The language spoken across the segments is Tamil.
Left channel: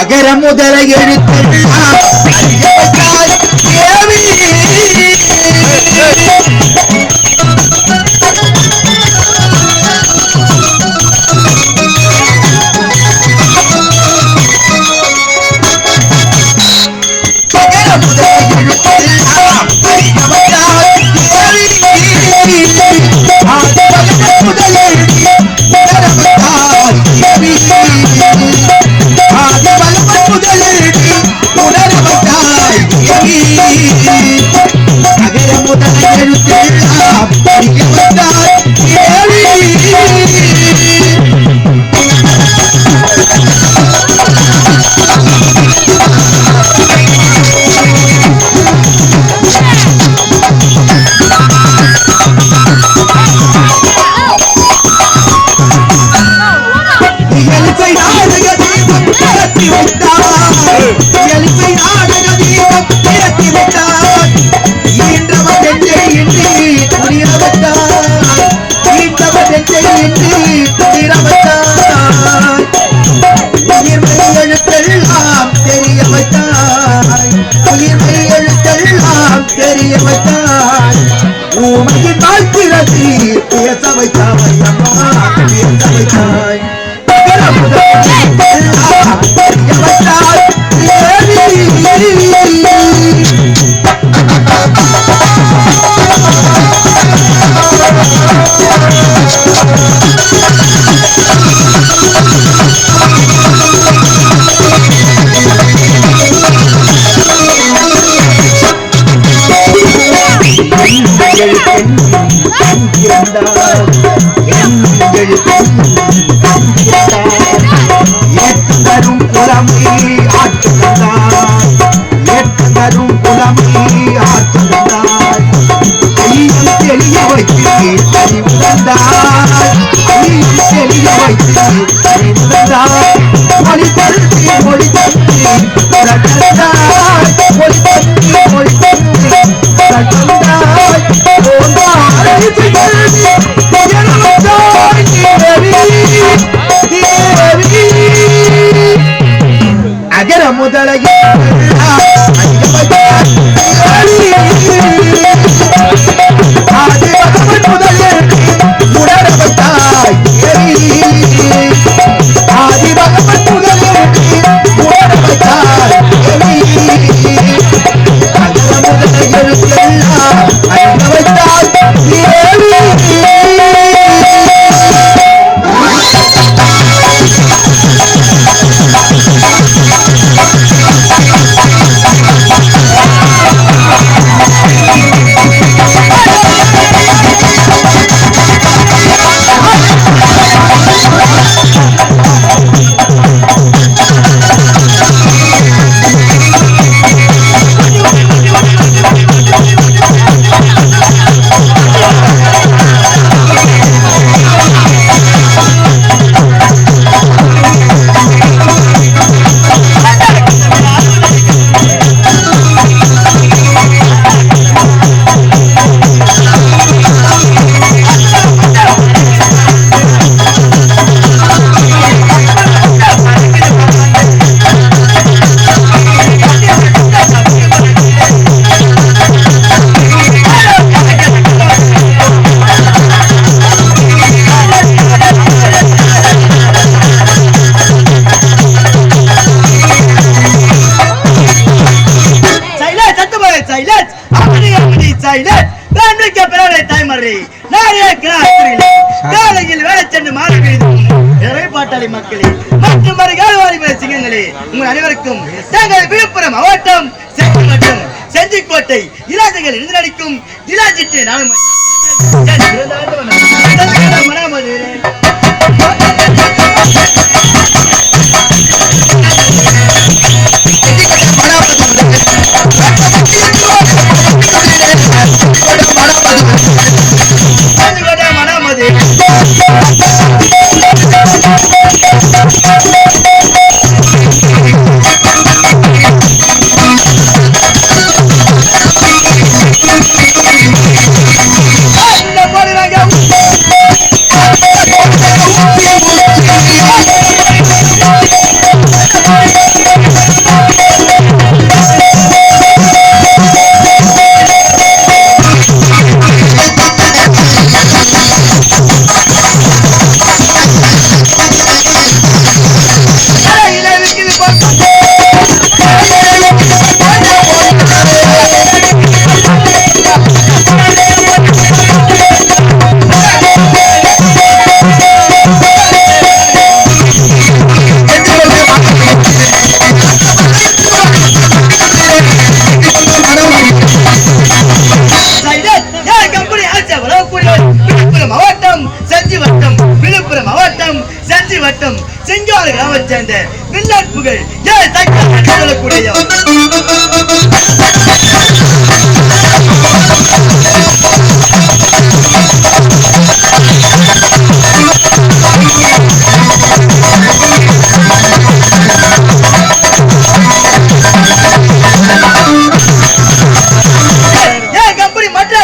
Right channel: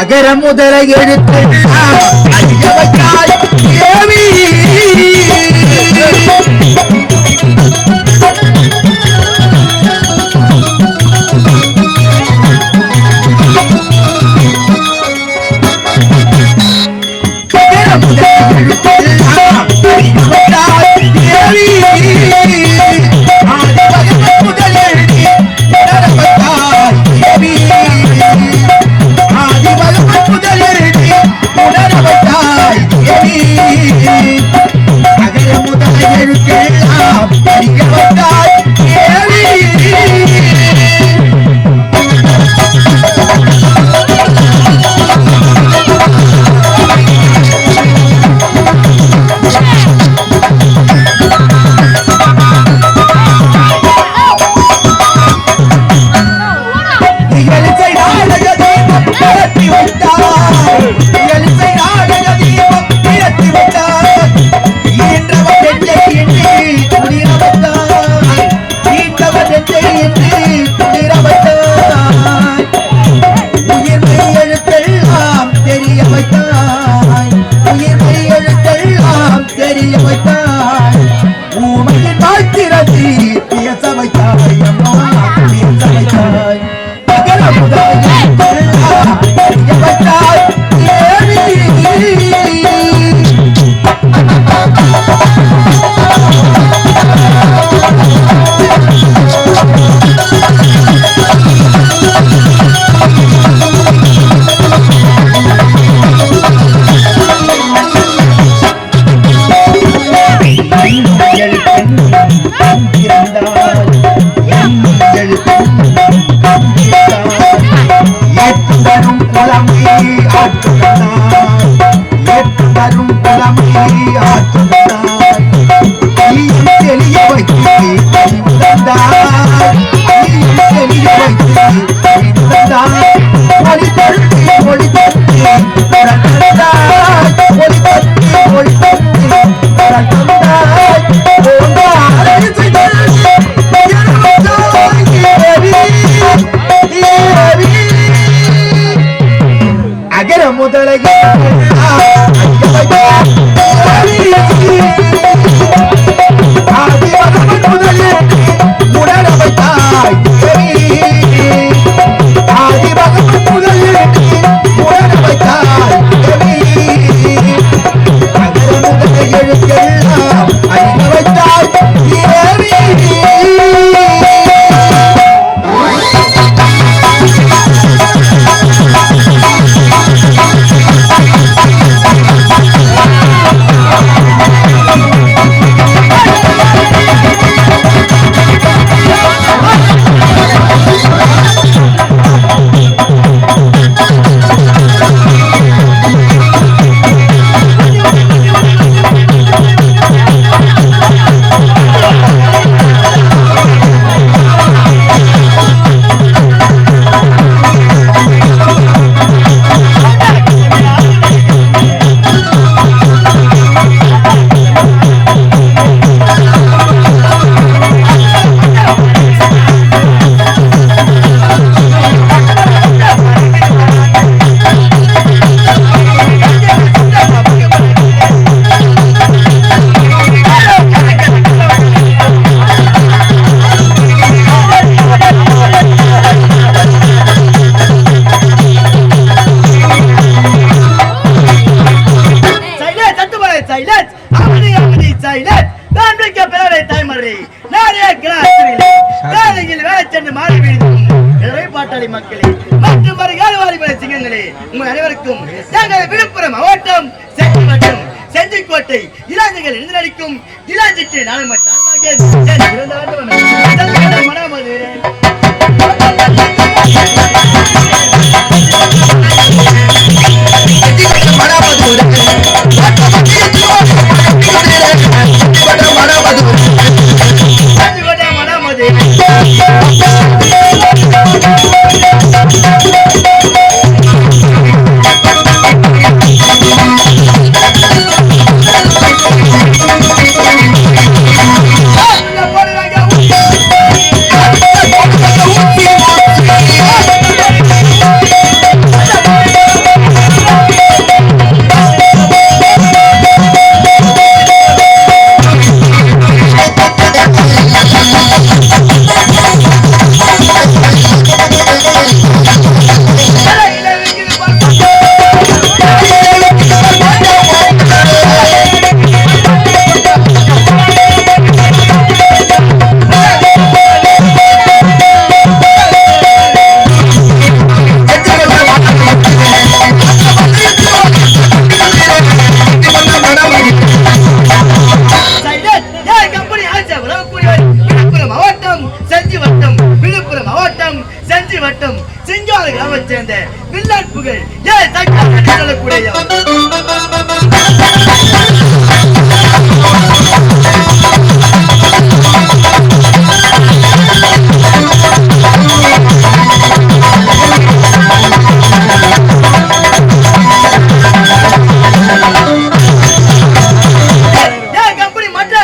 அகர முதல எழுத்தெல்லாம் தாய்மறை நானே காலையில் வேலை சென்று மாலை பாட்டாளி மக்களே மற்றும் மறுகாலவாரி சிங்கங்களே உங்கள் அனைவருக்கும் தங்கள் விழுப்புரம் மாவட்டம் செஞ்சி மற்றும் செஞ்சிக்கோட்டை இராஜர்கள் எழுந்தடிக்கும் இராஜிட்டு நானும் மனாமது சேர்ந்த வில்லாட்புகள்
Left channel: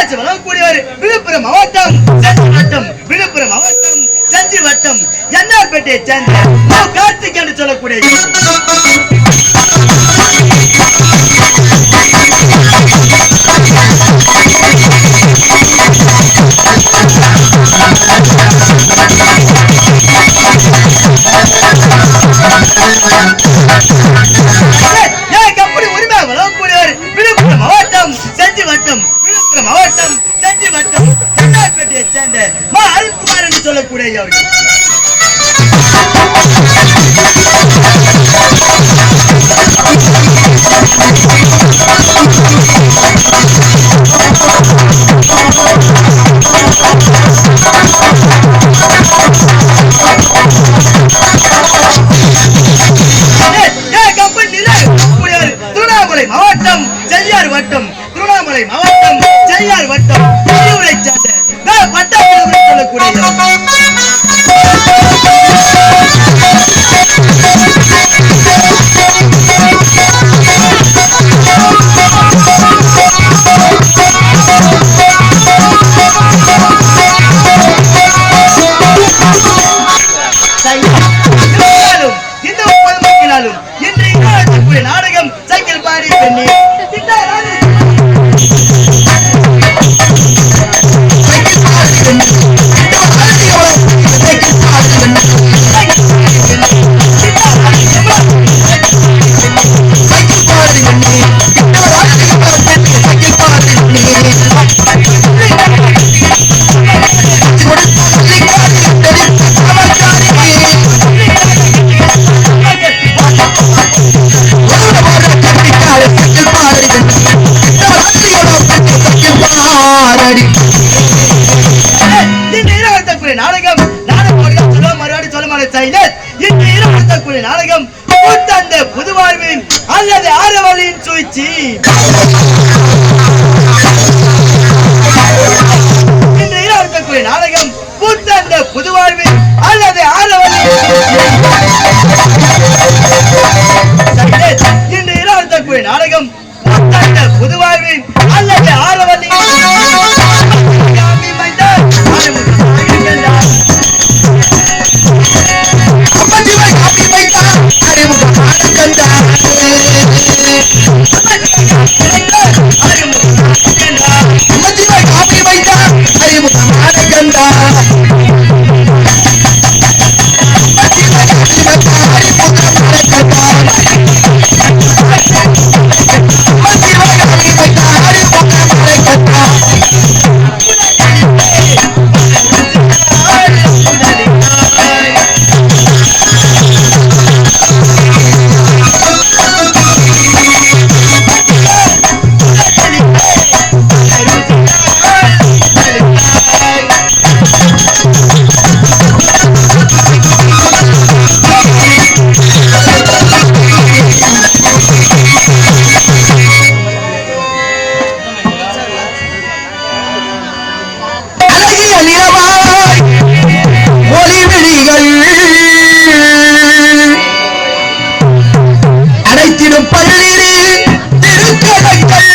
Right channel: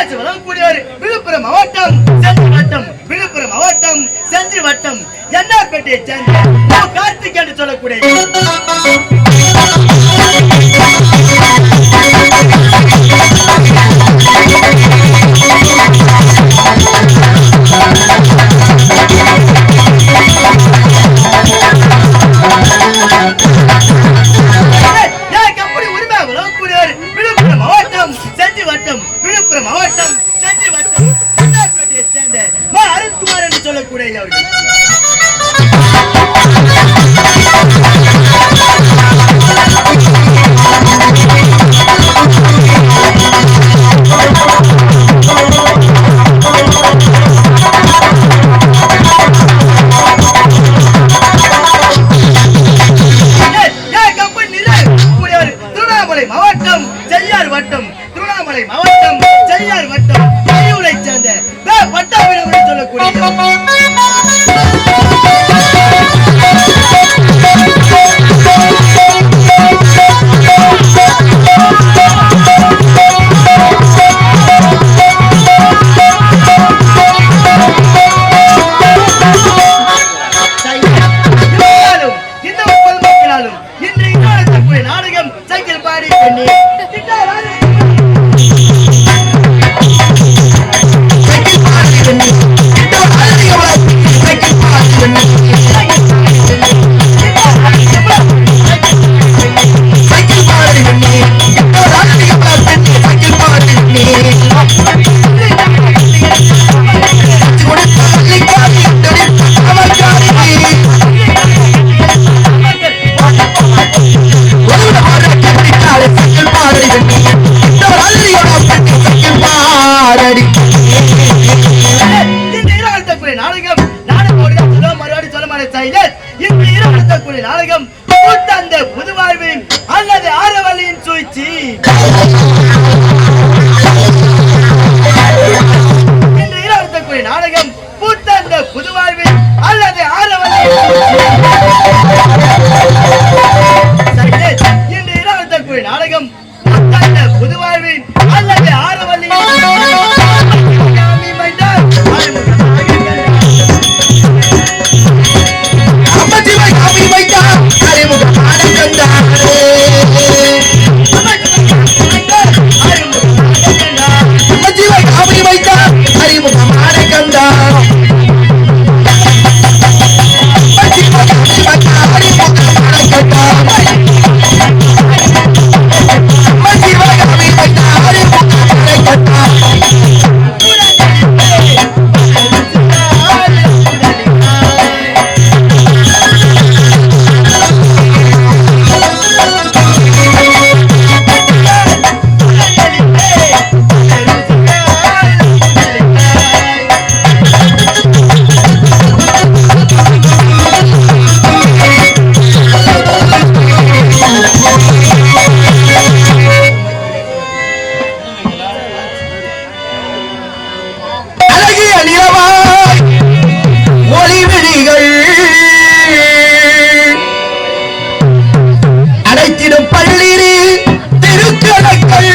சொல்லக்கூடிய விழுப்புரம் மாவட்டம் செஞ்சி வட்டம் என்னார்பேட்டையை சேர்ந்த கார்த்திக் என்று சொல்லக்கூடிய உரிமை வழங்கக்கூடியவர் விழுப்புரம் மாவட்டம் செஞ்சி வட்டம் என்னார்பேட்டையை சேர்ந்த அருண்குமார் என்று சொல்லக்கூடிய திருவண்ணாமலை மாவட்டம் செய்யார் வட்டம் பெரியூரை சேர்ந்த பட்டாபிராமன் சொல்லக்கூடிய இந்த மக்களாலும் இன்று நாடகம் சைக்கிள் பாடி பெண்ணே நாடகம் கூத்தந்த புதுவாழ்வின் அல்லது ஆரவலின் சூழ்ச்சி இன்று இரவு நாடகம் கூத்தந்த புதுவாழ்வின் அல்லது ஆரவலின் இன்று இரவு நாடகம் கூத்தந்த புதுவாழ்வின் அல்லது ஆரவலின் அழகிடும் பள்ளிரி திருக்கடங்கள்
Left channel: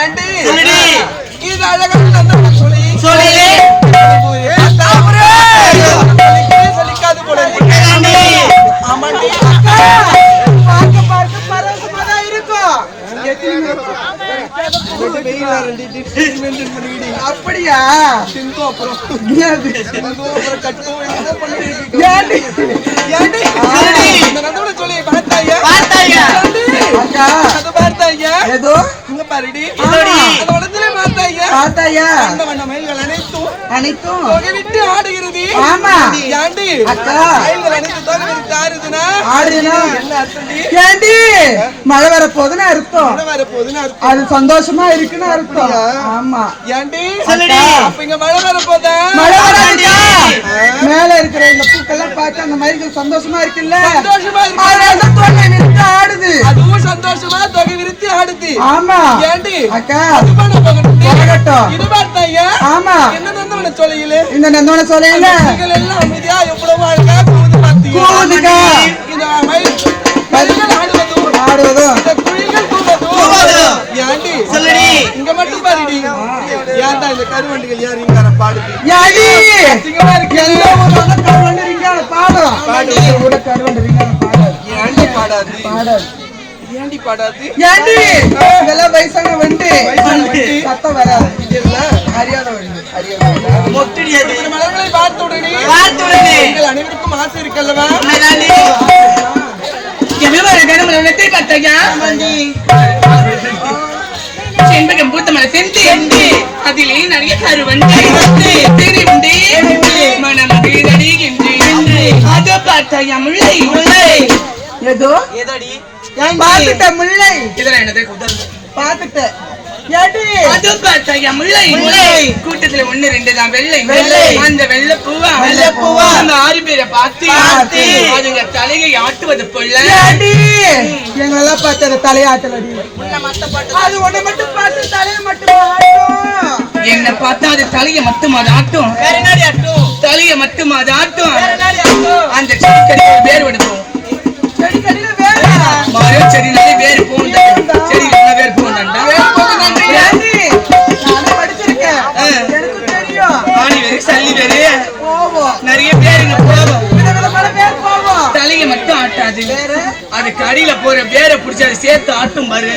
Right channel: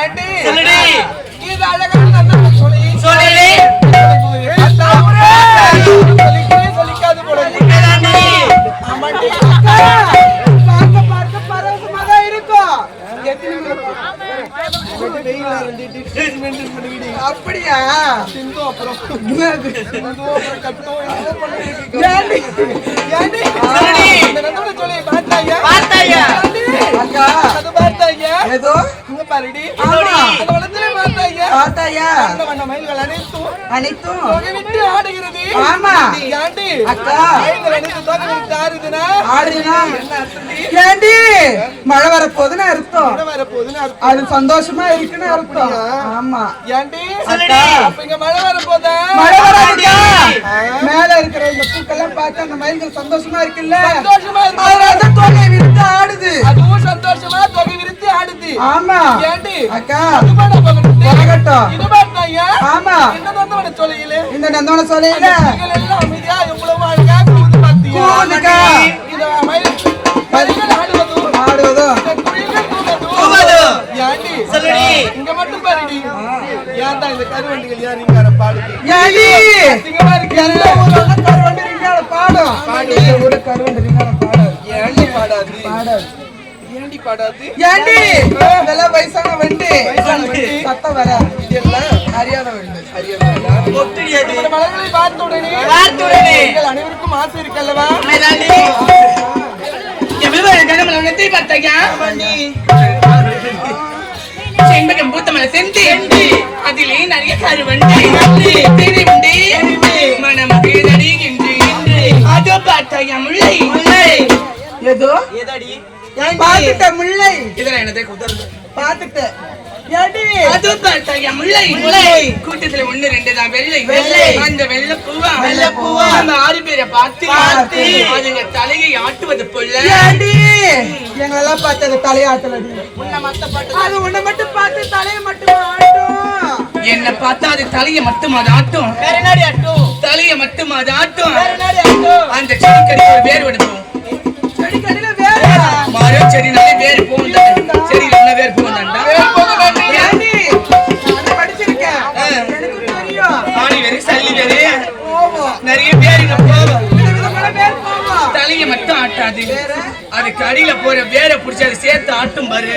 ஏண்டி சொல்லுடி. இது அழகான அந்த சொல்லி சொல்லி. சொல்லிக்காது போல இருக்கு. ஆமாண்டி அக்கா பார்க்க பரவசமா தான் இருக்கும். அப்படியா சிந்து அப்புறம் கட்டும் இந்த நந்தோட சொல்லி பார்த்தாயா அது பார்த்தாயா ஏதோ அங்க பாருடி அது உடத்துல பார்த்தாயா அந்த வண்ண மயில்கள் அனைத்தும் தொகை விட்டு ஆடுகிறது. ஏண்டி மயில்கள் அனைத்தும் தொகை விட்டு ஆடுதுன்னா என்ன அர்த்தம்? ஏண்டி மழை வரப்போகுதுன்னு அர்த்தம். மழை வரப்போகுதுன்னு அர்த்தம். அது சந்தோஷமா இருக்குன்னு அர்த்தம். ஆமா. ஏண்டி அப்ப இங்க மழை வரப்போதா? மழை வராதுடா. மேல இருக்கிற இந்த பூக்கெல்லாம் பார்த்து அந்த மயில்கள் சந்தோஷமா இருக்குல்ல? சந்தோஷமா இருக்கு. தொகை விரித்து ஆடுது. அதுவும் சந்தோஷமா தொகை விரித்து ஆடுது. ஆமா. ஏண்டி அக்கா அது பண்ண போகட்டும். இது பார்த்தாயா? ஆமா. என்ன நந்தவன சொல்லையிலே இந்த நந்தவன சொல்லையில மயில்கள் எல்லாம் அமைதியா எவ்வளவு அழகா கூவுது பார்த்தியா? இந்த மயில்கள் ஆடுவதும் இந்த குயில்கள் கூவுவதும். ஏண்டி இங்க மட்டும் பாருடி. ஏன்டா இந்த கருவண்டிகள் யார் இங்க பாடுது? அசிங்கமா இருக்கு. கருவண்டி ரிங்கார பாடும். ஏண்டி பாடாது? ஏண்டி பாடாது? ஏண்டி இதெல்லாம் வயசான வண்டி சத்தம் வராது. இதெல்லாம் அறியாத வண்டி. இப்படிப்பட்ட மலர்களை பார்த்த உடனே எங்கள் அனைவருக்கும் ஆசை இருக்கல்லவா? செண்பகம் பூத்த மலை செந்தி அதிலே நிறைய கருவண்டி மனமது அதோ பார்த்தாயா முல்லை ஏதோ ஏதாடி பாத்துட்ட முல்லை இதெல்லாம் என்னது பாத்துட்ட ஏடி அதோ பார்த்தாயா முல்லை கூட்டத்துல 1 2 தான் வெள்ளை அந்த வெள்ளை பூவா அந்த 6 பேரை பார்த்து அதுங்க தலையை ஆட்டுவது போல ஏடி எங்களெல்லாம் பார்த்து அந்த தலையாட்டலடி அது ஒண்ணு மட்டும் பார்த்து தலையை மட்டும் ஆட்டும். என்ன பார்த்தா அது தலையை மட்டும் அது ஆட்டும் வேற என்னடி ஆட்டும்? தலையை மட்டும் அது ஆட்டும் வேற என்னடி ஆட்டும்? அந்த செடிக்கடி ஒரு வேர் எடுப்போம் செடி கடில வேற மரோ செடினாலே வேர் போகும் செடியில என்ன வேர் போகும்டா ஏடி நான் படிச்சிருக்கேன் எனக்கு தெரியும். ஆணி வேறு சல்லி வேறு போவோம் நிறைய பேருங்க போவோம் பல பேர் போவோம். தலையை மட்டும் ஆட்டாது அதுக்கு அடியில போற வேரை பிடிச்சி அதை சேர்த்து ஆட்டும் பாரு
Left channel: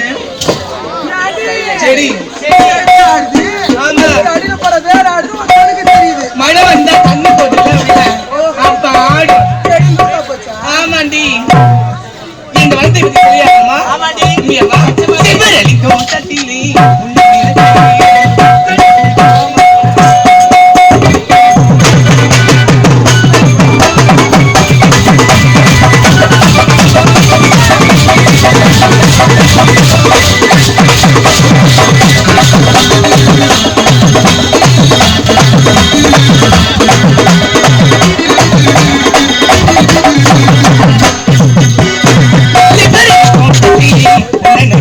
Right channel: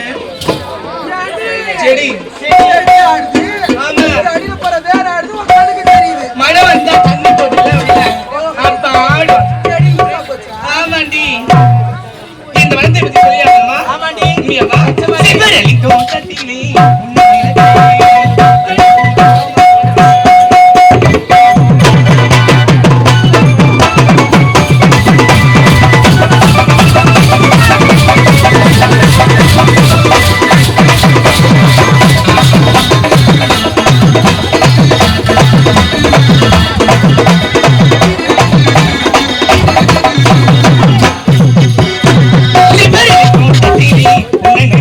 செடி செடி ஆடுது. அடியில போற வேற ஆடுது உன் கண்ணுக்கு தெரியுது. மழை வந்தா தண்ணி போட்டுல அப்ப ஆடும் செடி லூசா போச்சா? ஆமாண்டி இந்த வந்து பத்தி சொல்லியாமா ஆமாண்டி. நீ வா சிவரளிக்கும் தட்டிலே சிவரளிக்கும் தட்டிலே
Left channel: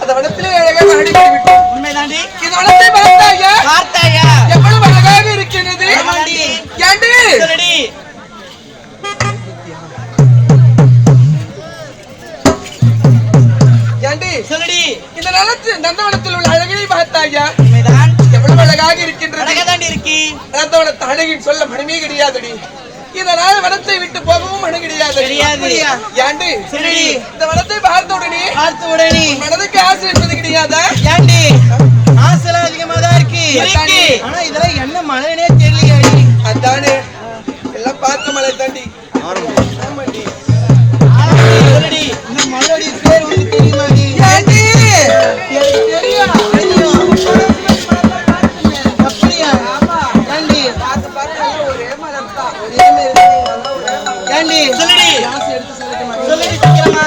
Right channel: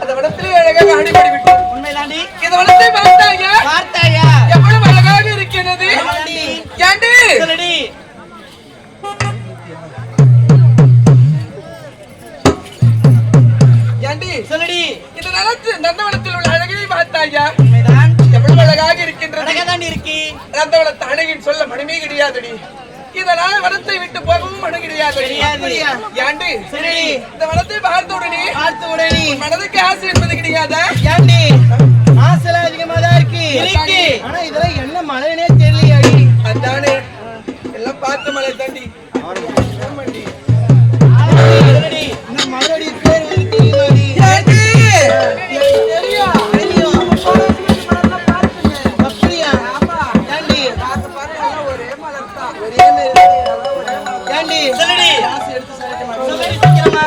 அந்த வனத்திலே அழகாக அடிபடி விட்டு உண்மைதாண்டி இந்த வனத்தை பார்த்தாயா பார்த்தாயா எவ்வளவு அழகாக இருக்கிறது ஆமாண்டி. ஏண்டி சொல்லுடி ஏண்டி சொல்லுடி இந்த நந்தவனத்தில் உள்ள அழகினை பார்த்தாயா உண்மைதான் எவ்வளவு அழகாக இருக்கின்றது அழகாதாண்டி இருக்கு நந்தவனத்தை அழகின் சொல்ல மனமே கிடையாதுடி இதனால வனத்தை விட்டு போகவும் மனம் கிடையாது ஏண்டி சொல்லுடி இந்த வனத்தை பார்த்த உடனே பார்த்த உடனே மனதுக்கு ஆசை என்பது கிடையாதா ஏண்டி ஆசைலாம் அதிகமா தான் இருக்கு ஆனா இதெல்லாம் என்ன மழைனே தெரியலையாடி அதானே எல்லாம் பார்த்து மலை தாண்டி ஆமாண்டி. சொல்லுடி இந்த மழையோட பேர் வந்து தெரியுமாடி ஏண்டி எனக்கு தெரியும் அப்படியா ஏண்டி பார்த்து எல்லாம் ஒரே மலர் தான் ஒரே மாதிரி ஏண்டி சொல்லுடி ஆசை எடுத்து சொல்லிக்க மாட்டேன் சொல்லுடி சீக்கிரமா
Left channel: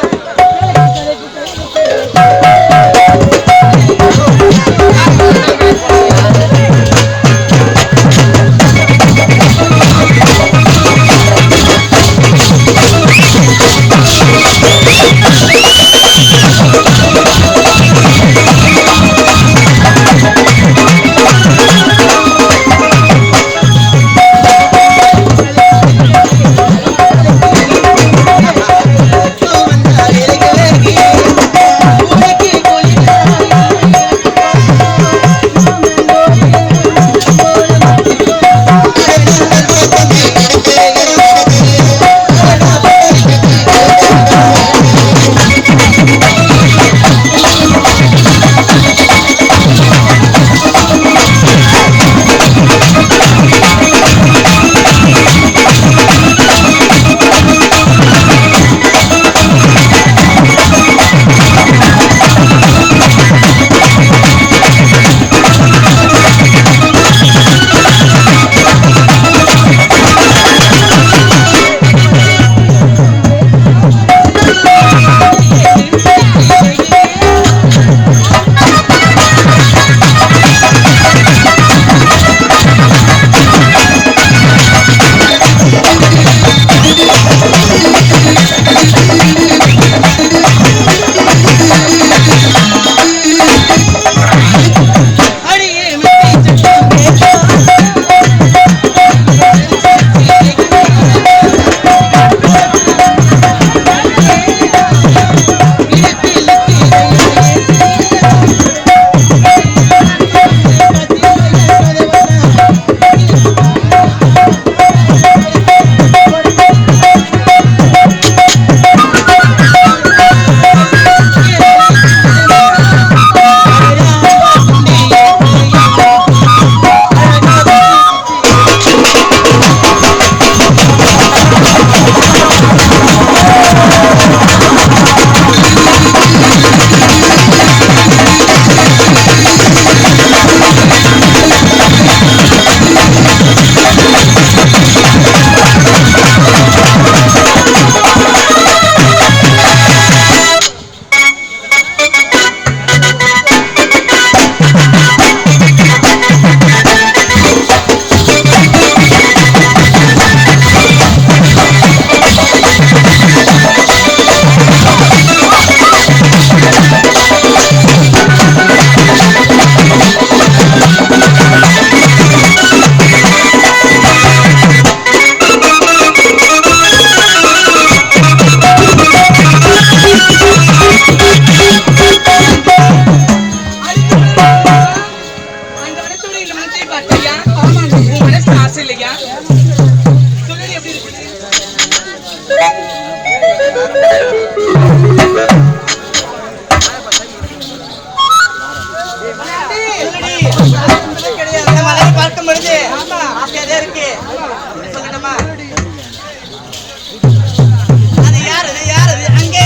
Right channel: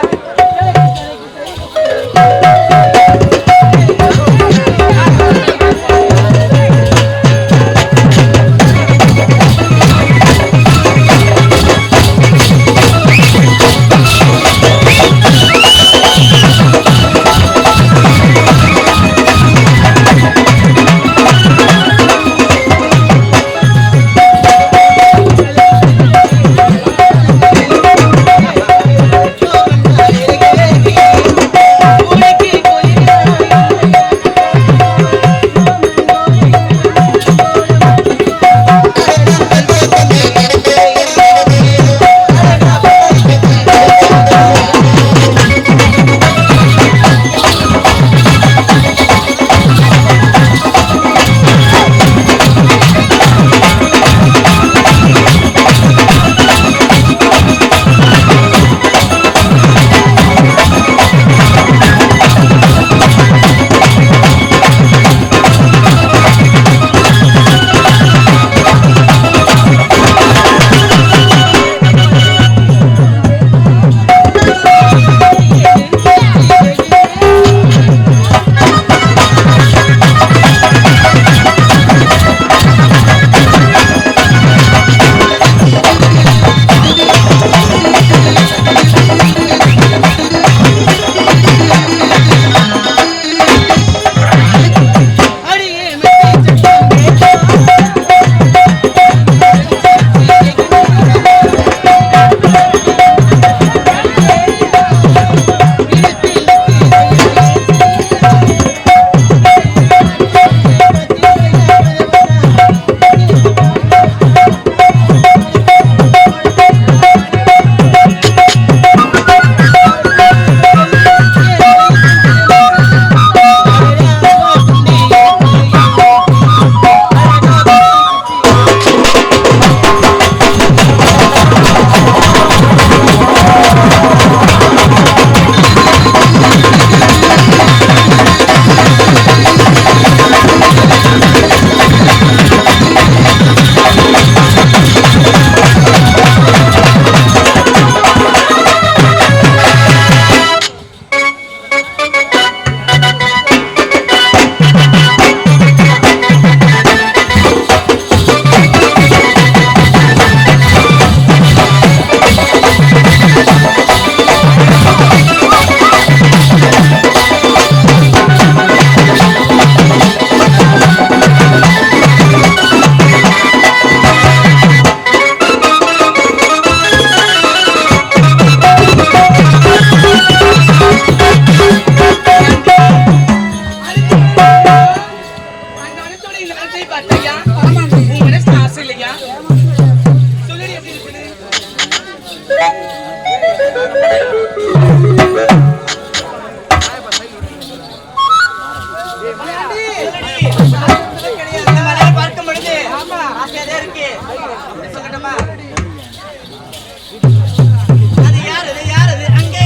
பார்க்கும் பொழுது ஆசையாதான் இருக்கு. சொல்லட்டுமா? அது யாரு அங்கே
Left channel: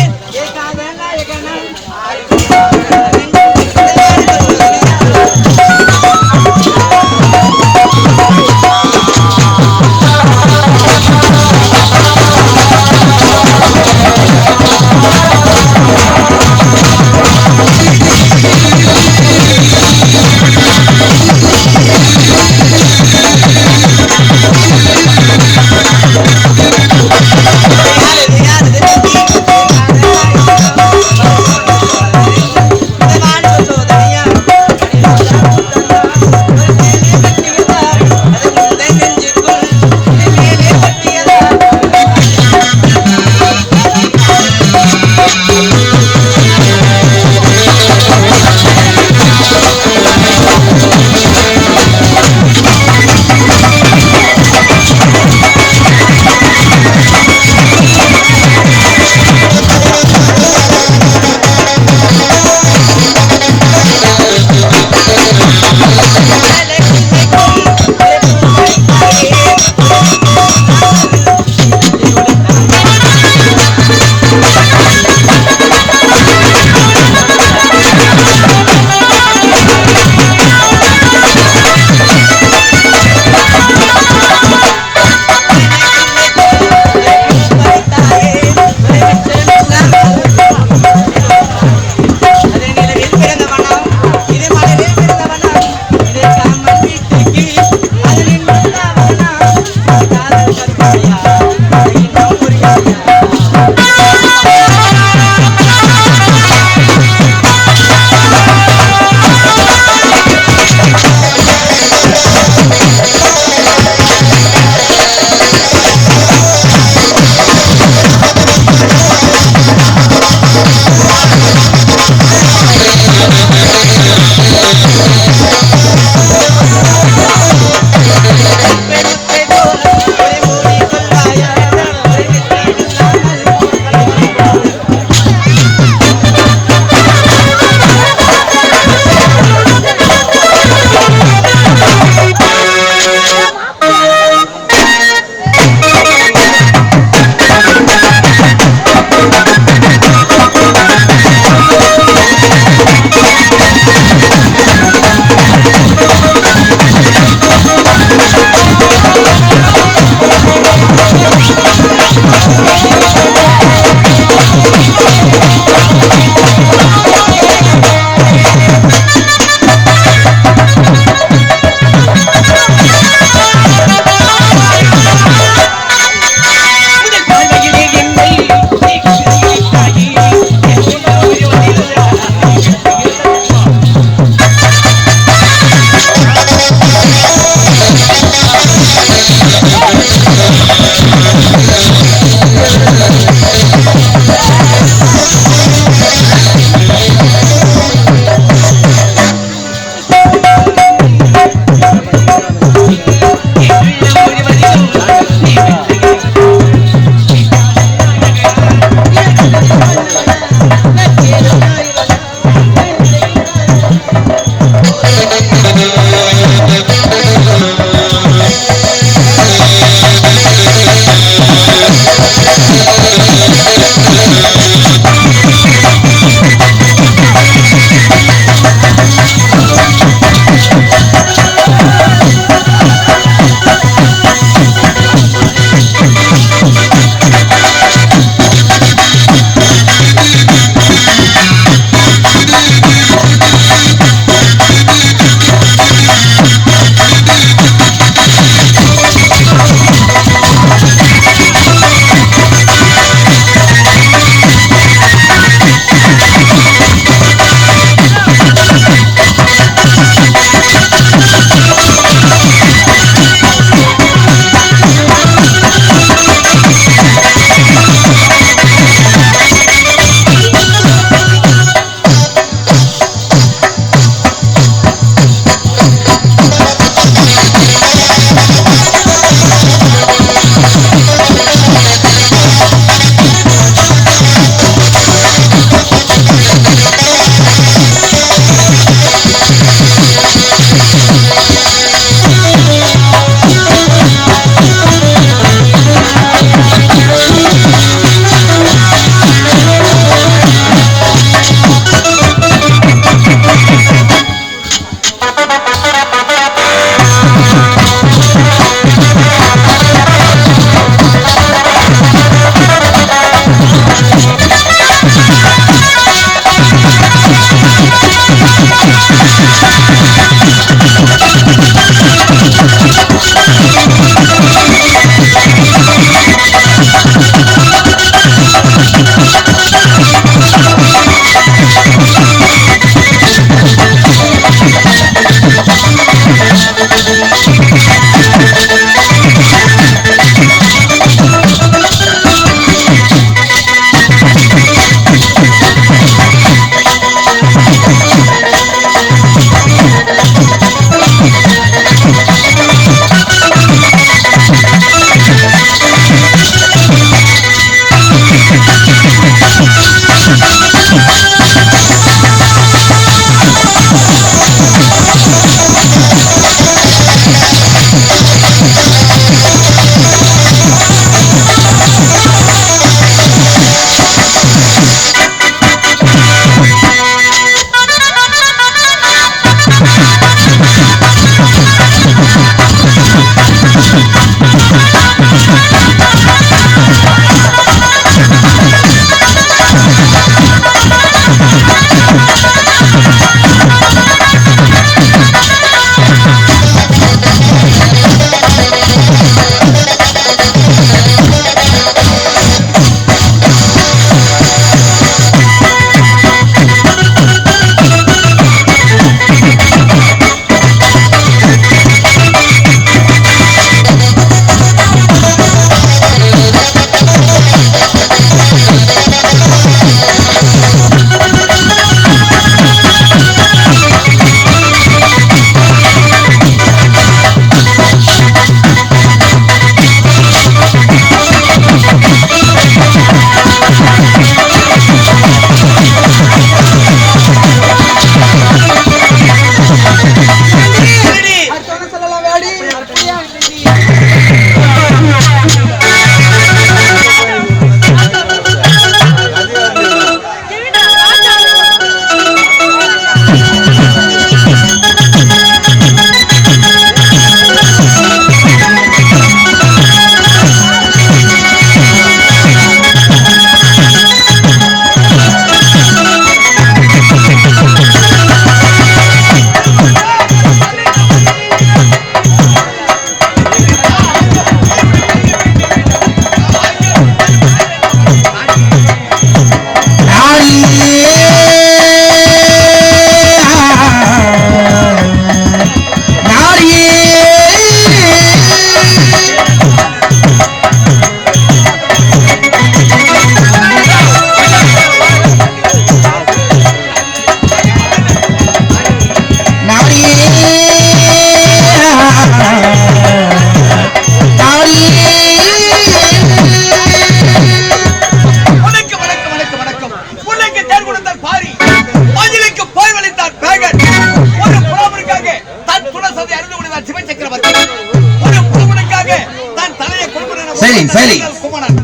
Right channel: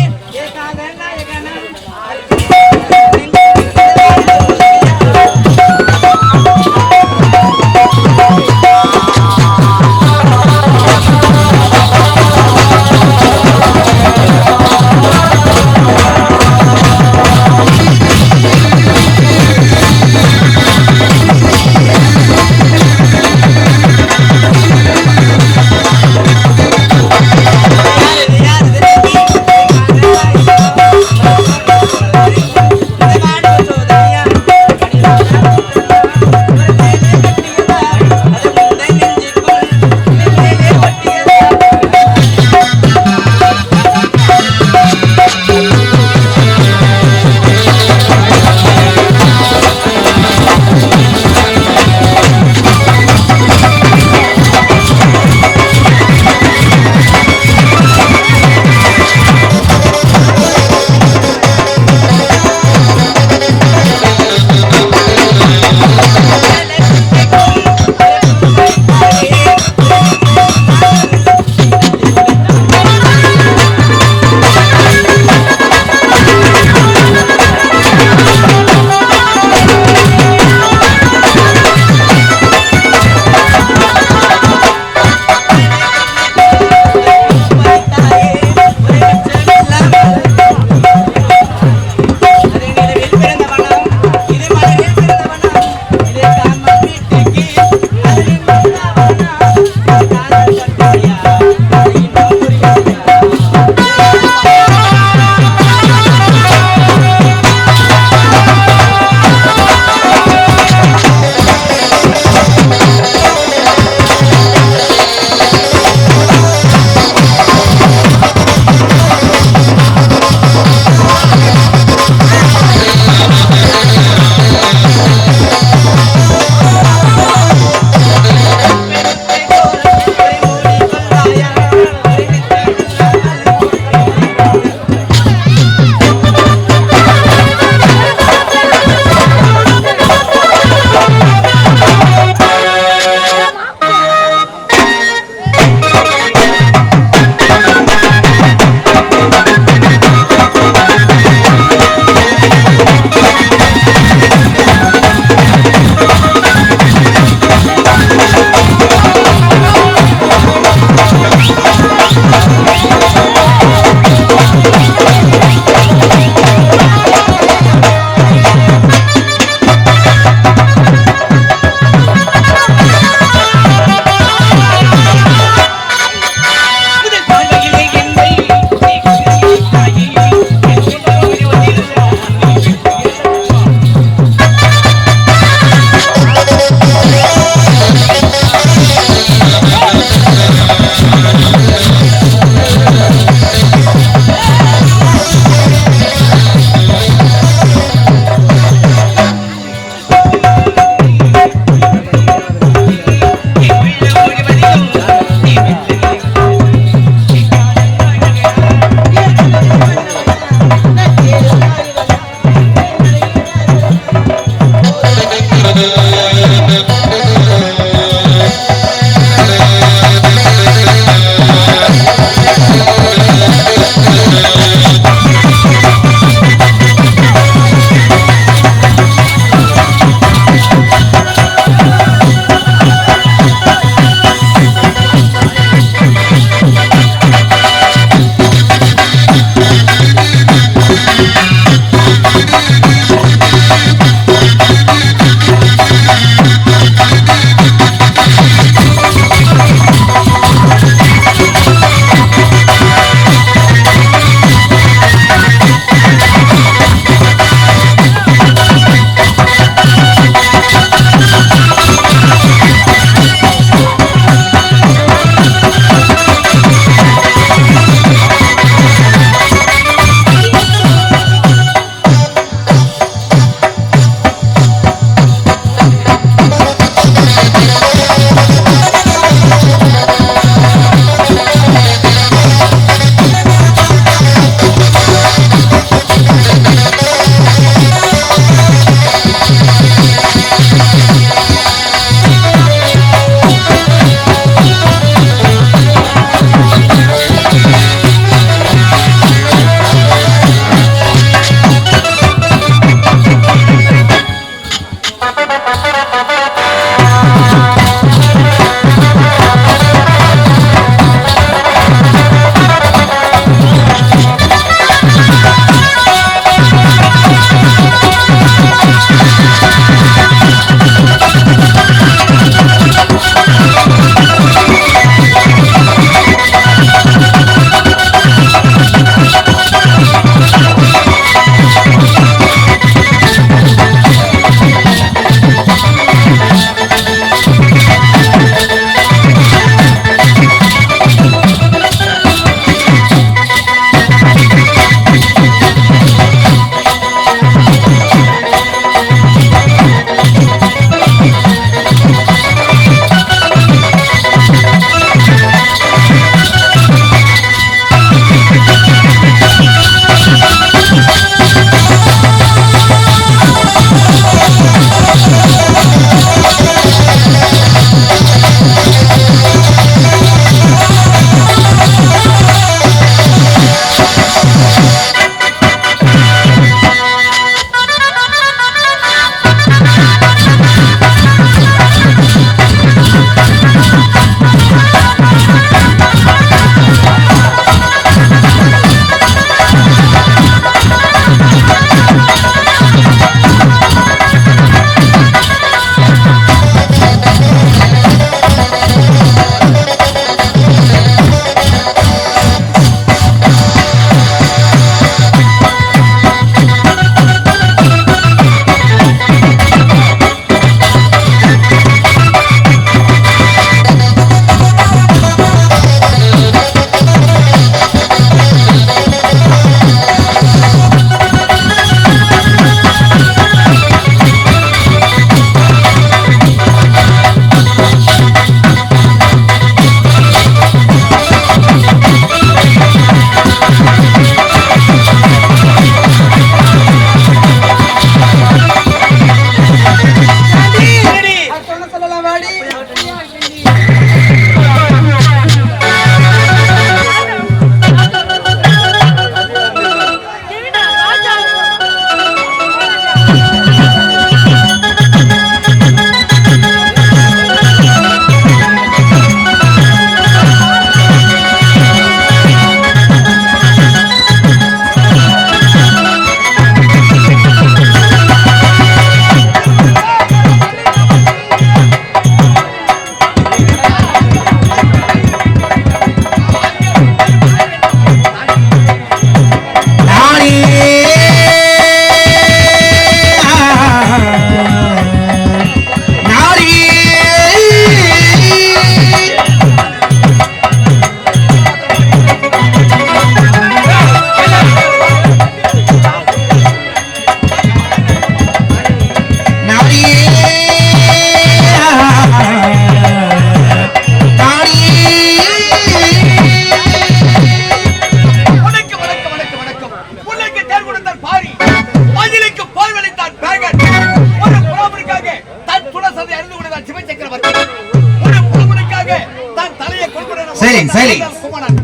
குமரன்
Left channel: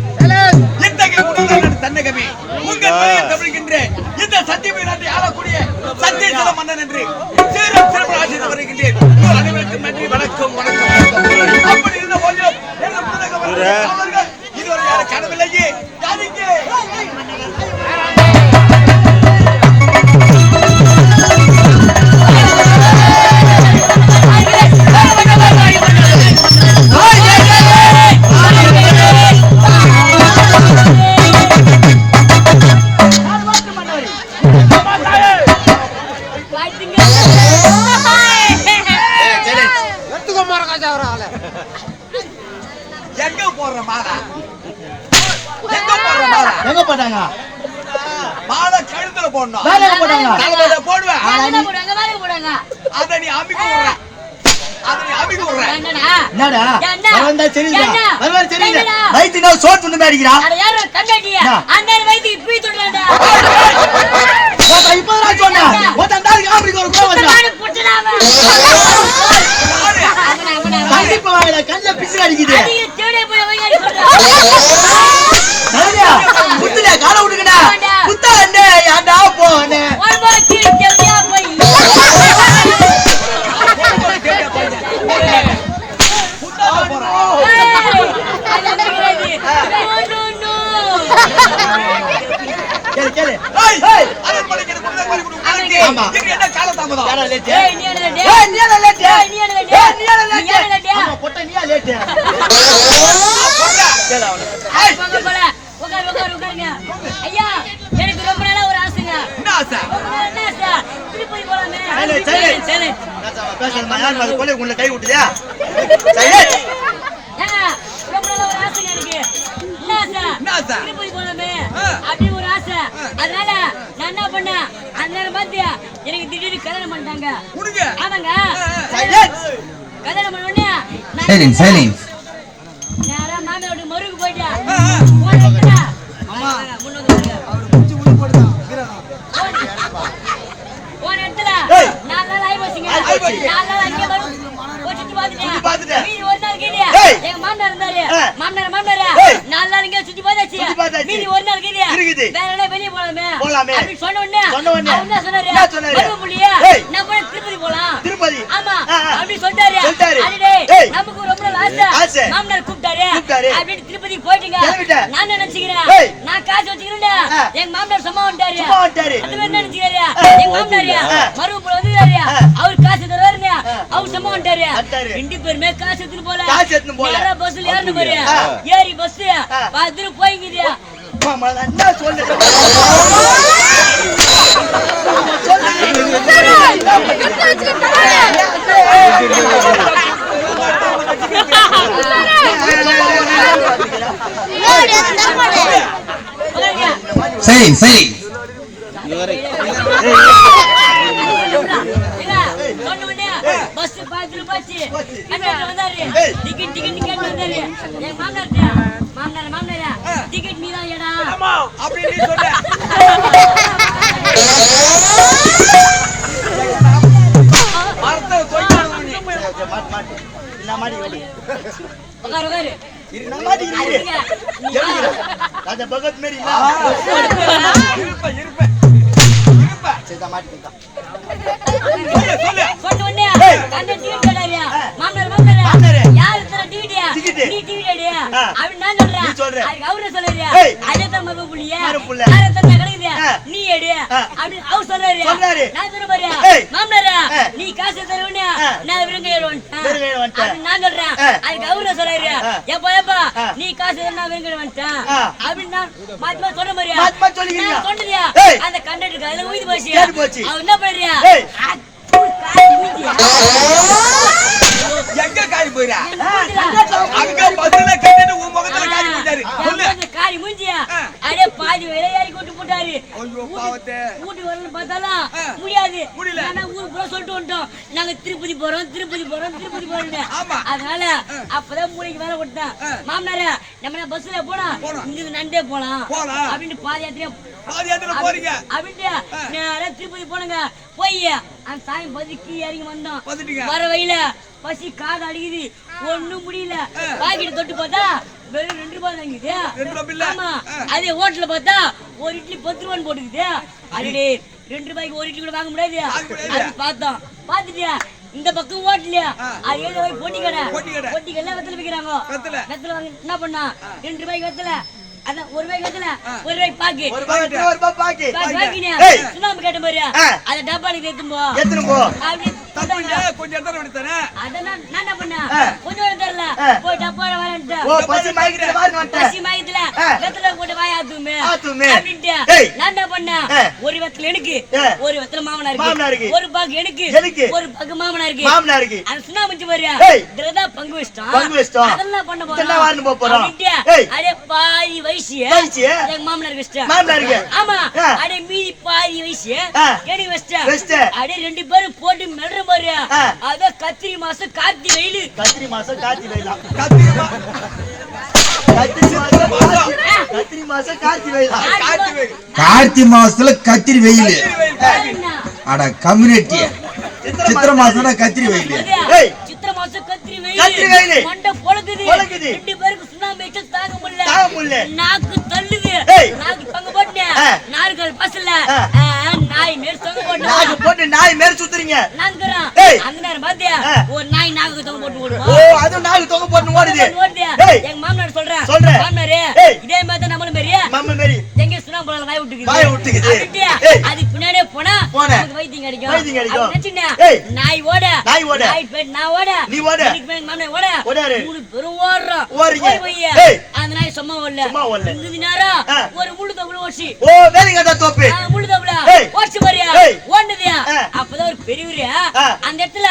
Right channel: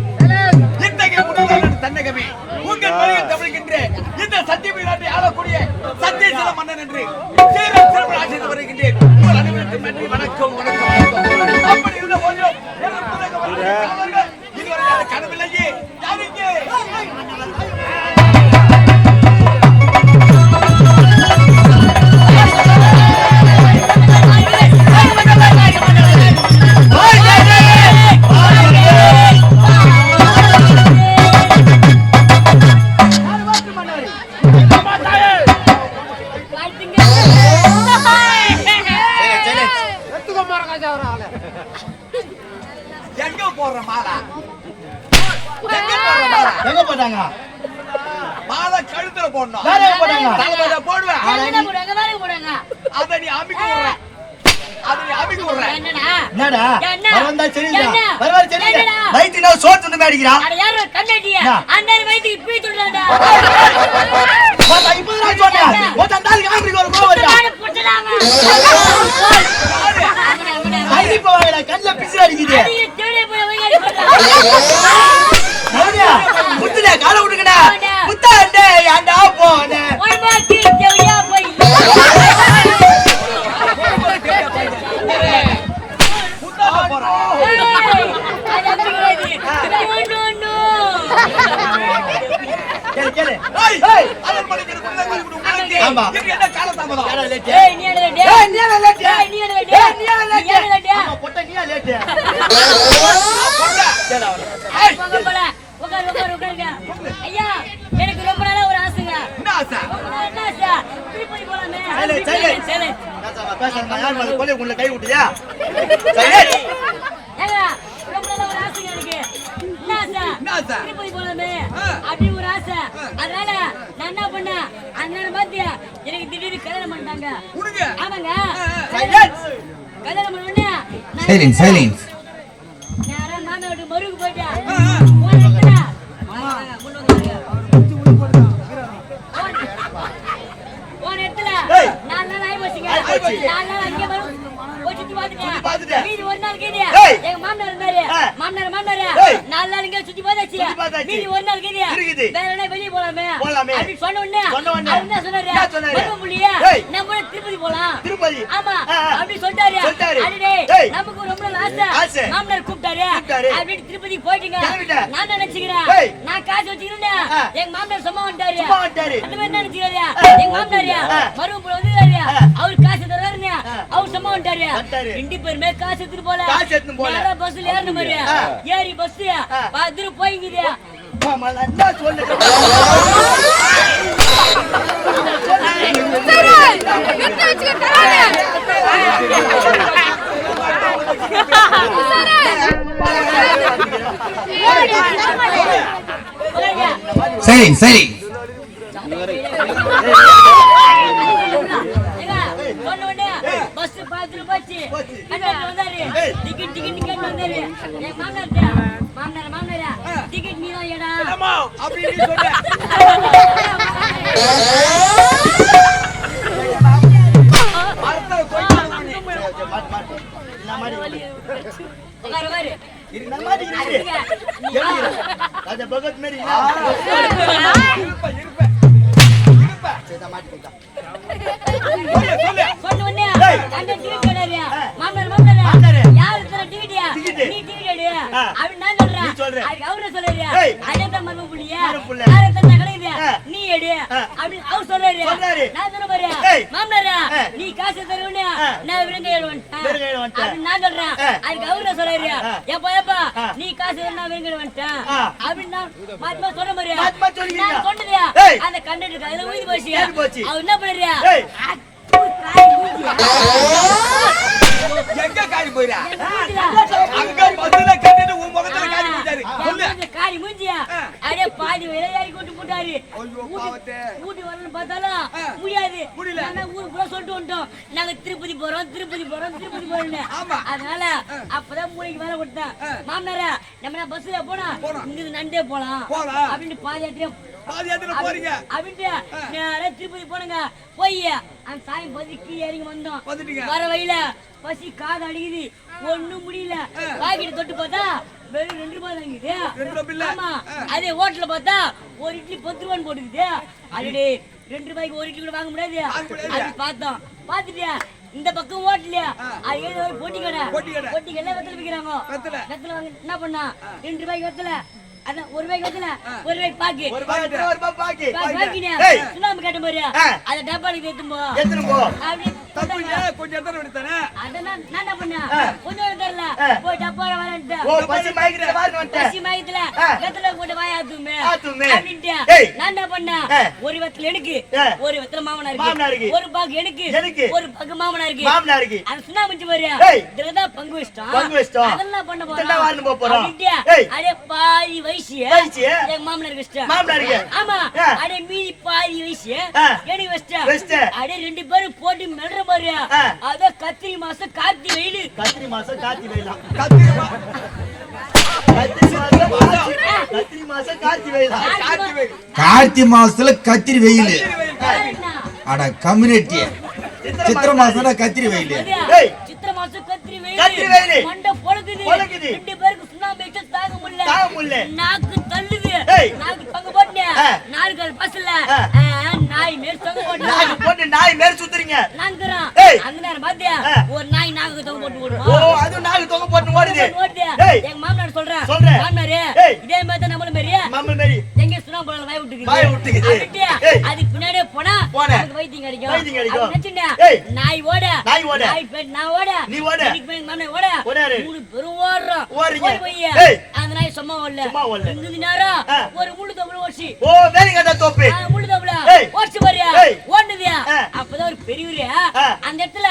இத்தகைய உணர்வு தன்னகமே உங்கள் வழியில் தமிழ்கின்ற இந்த சத்தியமை நாட்டை ஆளக்கூடிய சத்தியசல மன்னன் என்று சீரம் சிறப்பு ஆசிரியர் வருகின்றேன். உங்கள் அனைவருக்கும் நன்றி. வணக்கம் வணக்கம். அப்படி இருந்த போதிலும் இதுவரை யாரும் காணவில்லையே. யாருக்கு எங்க போடுற மாலை எங்க போட்டாங்க? மாலை கழுத்துல போடணும். தலைமையில போடுவேன். அதை நீ அமிக்க விடுற. என்னடா வரந்தா சரிடா. வரவே சரிடா. வைத்து நான் சோறு துண்டு மேடிக்கிறா. அட யாரோ கண்டடியா. அந்த வைத்து இப்பி துண்டடா. இப்போ நான் சொன்னா. ஓட்ட தாலி ஆப்ரிக்க ஒரு கோவடா. நான் புட்டடாவா. கண்டிப்பா வாடா. கல்ல பிசிற அடிக்குது. அடி தேடே போய் வைங்க சொல்றா. நாடியா. புத்துடா கால விடுங்கடா. புத்தாண்டே யாண்டா போனே. ஒரு பாக்கி தேவியா போய். கேளு அதன் படிக்கிற குள்ள மாதிரி குடு உங்களுக்கு இது என்ன கால தாமதம் யாரா லேட் நீ என்ன லேட் ஆமா பொட்ட நீயா லேட் பொட்ட கேளு அவன போங்க போல உட்காருங்க ஐயா எனக்கு ரொம்ப நாளா ஒரு ஆசைங்க என்ன ஆசை திருப்பதி போலாமே சரி நான் பேசமா யார் மாதிரி கொலை உள்ள கை விட்டுயா சரி ஏங்க ரொம்ப நாளா ஒரு ஆசைங்க எனக்கு என்ன ஆசை திருப்பதி போலாமே அப்படி ஒரு ஆசை. அதனால நான் என்ன பண்ணேன் அந்த நேரம் பார்த்து எனக்கு திடீர்னு கல்யாணம் பண்ணிட்டாங்க. ஆமாங்க கல்யாணம் பண்ண உடனே நேரா மாமா வீட்டுக்கு மருவுக்கு போயிட்டேன். போன இடத்துல 4 நாள் ஆகி போச்சுங்க. 4 நாள் அங்கே சுத்தி பாத்துட்டேன். மீதி ஒரு நாள் கீழே எங்க மாமனார் இருந்தாரு. மாமனார் 4 நாள் இங்க சுத்தி பார்த்தாச்சு. மீதி ஒரு நாள் கீழே வேற என்ன வெளியே போலாமே அப்படி சொன்ன உடனே அவர் என்ன சொன்னாரு மருமபுள்ளியே நம்ம திருப்பதி போலாம். ஆமா அப்படி சொல்லிட்டாரு. அடடே நமக்கு ரொம்ப நாள் ஆசை. மாமனார் கூப்பிட்டாரு அப்படின்னு திருப்பதி போயிட்டீங்க. நான் நினைச்சுக்கிறேன் நான் காசு வச்சுக்கிறேன். எங்க மாமனார் சும்மா வந்துட்டாரு. அந்த மாதிரி நினைச்சுக்கிறாரு. எங்க மாமனார் மருமபுள்ள வந்துட்டாரு. அவரு காசு தருவாருங்க. அவர் சும்மா வந்துட்டாரு. ரெண்டு பேருமே காசு எடுத்துட்டு போல யாரா பஸ்ல ஏறணும் பாரு. ஏறி பஸ் பாத்துட்டு போய்க்குது. மாமா என்ன சொல்லுங்க சரி பஸ் பாத்துட்டு போச்சு. கண்டக்டர் வந்தாரு. டிக்கெட் வந்தாரு. என் மாமனார் டிக்கெட் நீதான் ஏடா அப்படி நீ சொன்ன மரத்தை தொய்ச்சு மாட்டி என்ன மாடி உட்காரு என்ன மாடி ராஜா பகத் மேரி இருப்ப சேதா மாட்டி சொன்ன உடனே கண்டக்டர் கேட்டாரு. மாமனார் யார் தர டிக்கெட் நீ டிக்கெட் எடு அப்படி நான் சொல்றேன். அதுக்கு அவரு சொல்றாரு அதேதான் மருமபுள்ளியே யார தர கிடைக்குது நீ எடு அப்படி அவர் சொல்றாரு. நான் சொல்ற பாரு மாமனார் நீ காசு தருவனே நான் விருங்க ஏறுவேன் அப்படி நான் சொல்றேன். அதுக்கு அவரு சொல்றாரு ஏப்பா நீ காசு தரனா விருங்க வந்துட்டேன் அப்படி நான் மாத்தி சொல்ற மாதிரி நான் சொன்னது அந்த கண்டக்டருக்கு அதுல ஊதி போச்சு. அவர் என்ன பண்றாரு எங்க காரி போயிரா அங்க பஸ்ல கட்டிட்டு உன் முகத்துல காரி போட்டாரு சொல்லு காரி மூஞ்சியா அடே பாதி விளையாடி கூட்டி போட்டாரு. ஐயோ பாவத்தே ஊட்டி வரணும் பார்த்தாலும் முடியல. ஆனா ஊருக்கு கூட சொல்லிட்டு வந்துட்டோம் நாங்க திருப்பதி போறோம். அதனால அப்பதான் மூளைக்கு வேலை கொடுத்தேன். மாமனார நம்ம பஸ்ல போனா இங்க நண்டே போலாம் அப்படின்னு பாதி யாத்திரை போறீங்க அப்படின்ட்டு நேரா திருப்பதி போனங்க. போய் அந்த சாமி பதுக்கி இறங்கி வந்தோம். வர வழியில பசி காது அடிக்குது ஒண்ணும் முடியல. பாக்கெட் தொட்டு பார்த்தா வெறும் 2 ரூபாய் தாங்கிது. 2 ரூபாய் இல்ல. ஆமா. அதே ஹோட்டல்ல பார்த்தா ஒரு இட்லி 10 ரூபான்னு போட்டுக்குது. அடடே 2 ரூபாய்க்கு ஒரு இட்லி கூட வாங்க முடியாது. அது பார்த்தோம். பார்த்துட்டியா இந்த பக்கம் ஹோட்டல்ல அது ஏதோ போட்டி கடை. போட்டி கடையில வெத்தலை விக்கிறாங்க. வெத்தலை வாங்க என்ன பண்ணா 2 ரூபாய்க்கு வெத்தலை. அதான் 1 ரூபாய்க்கு வெத்தலை 1 ரூபாய்க்கு பாக்கு. 1 ரூபாய் பாக்கி. பாக்கினே சுண்ணாம்பு கேட்ட மாதிரி அத டப்பால ஏத்தும் போ. அப்படி கொஞ்சம் எடுத்து வந்துட்டானே. அதான் நான் என்ன பண்ணேன் கொஞ்சம் தரல போய் டப்பால வரேன்ட்டு. ஓ பசி மைக்ல வாரி வந்துட்ட. பசி மைக்ல வெத்தலை போட்டு வாய் ஆத்துமே அப்படின்ட்டு நான் என்ன பண்ணேன் ஒரு வெத்தலை எனக்கு ஒரு வெத்தலை மாமனாருக்கு ஒரு பாக்கு எனக்கு ஒரு பாக்கு மாமனாருக்கு அது சுண்ணாம்பு மஞ்சு மாதிரியா இதுலதான் பங்கு வச்சிட்டோம். அதெல்லாம் பண்ண போறோம் அப்படின்ட்டு அடே பாதி வயசு எங்க மாமனாருக்கு வச்சிட்டேன். ஆமா அடே மீதி பாதி வயசு எனக்கு வச்சிட்டேன். அடே 2 பேரும் போட்டு மெல்ற மாதிரியா அத கத்திரி மாசம் கார்த்தி வெயில். கத்திரி மாசம் கார்த்தி வெயில். கார்த்தி மாசத்துல கத்திரி வெயில். அட கம்யூனிட்டி சித்திரை மாசம் கத்திரி வெயில். சித்திரை மாசம் கத்திரி வெயில் மண்டை பொழுகுது. 2 பேருக்கு சுண்ணாம்பு வச்சு தாங்க முடியல. நாக்கு தள்ளுது. நாக்கு பங்கு போட்டேன். நாற்கால் பசல நாய் மேல் தொங்க போட்டு நாய் மேல் சுத்துறீங்க. நாங்கறான் அந்த நேரம் பாத்தியா ஒரு நாய் நாக்கு தொங்க போட்டு ஓடுமா. ஓ அது நாக்கு தொங்க போட்டு ஓடுது. எங்க மாமனார் சொல்றேன் மாமனாரே இதே மாதிரி நம்மள மாதிரி எங்க சுண்ணாம்பு வாய் விட்டுக்குது. அதுக்கு பின்னாடியே போனா நமக்கு வைத்தியம் கிடைக்கும். நாய் ஓட நாய் பேட் நான் ஓட நீ ஓட எனக்கு பேட் மாமனார் ஓட 3 பேரும் ஓடுறோம். போய் அந்த நாய் சும்மா ஓடல. இந்த நேரம் ஒரு முள்ளு தவளை ஓசி. ஓ வேலிங்கடா தோப்பு முள்ளு தவளை ஓசி பாரியா ஓடுதியா. அப்பதான் ஒரு பெரியவரு அந்த இடத்துல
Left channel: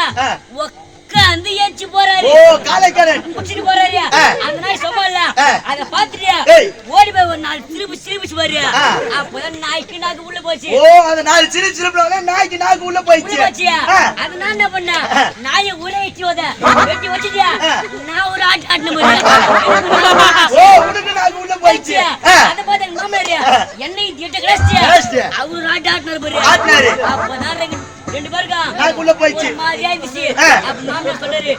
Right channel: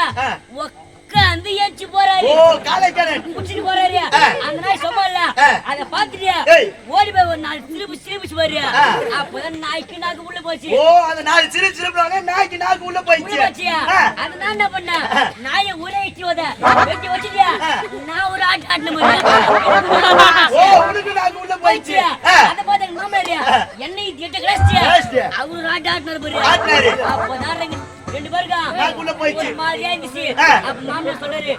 உட்கார்ந்து ஏஞ்சி போறாரு. ஓ காலைக்கரன் குச்சிட்டு போறாரு. அந்த நாய் சும்மா இல்ல அத பாத்துட்டியா ஓடி போய் ஒரு 4 சிரிப்பு பாரியா. அப்பதான் நாய்க்கு நாக்கு உள்ள போச்சு. ஓ அந்த 4 சிரிப்புல நாய்க்கு நாக்கு உள்ள போயிடுச்சு. அது நான் என்ன பண்ண நாயை உரைச்சி வெட்டி வச்சிட்டியா நான் ஒரு ஆட்டன மாதிரி. ஓ உனக்கு நாக்கு உள்ள போயிடுச்சு. அத பாத்து எங்க மாமனார் என்னை திட்ட கிளாஸ்டியா அவரு ஆட்டனர் பாரு. அப்பதான் 2 பேருக்கு நாக்கு உள்ள போயிடுச்சு. ஒரு மாதிரியா இருந்துச்சு. அப்ப மாமனார் சொல்றாரு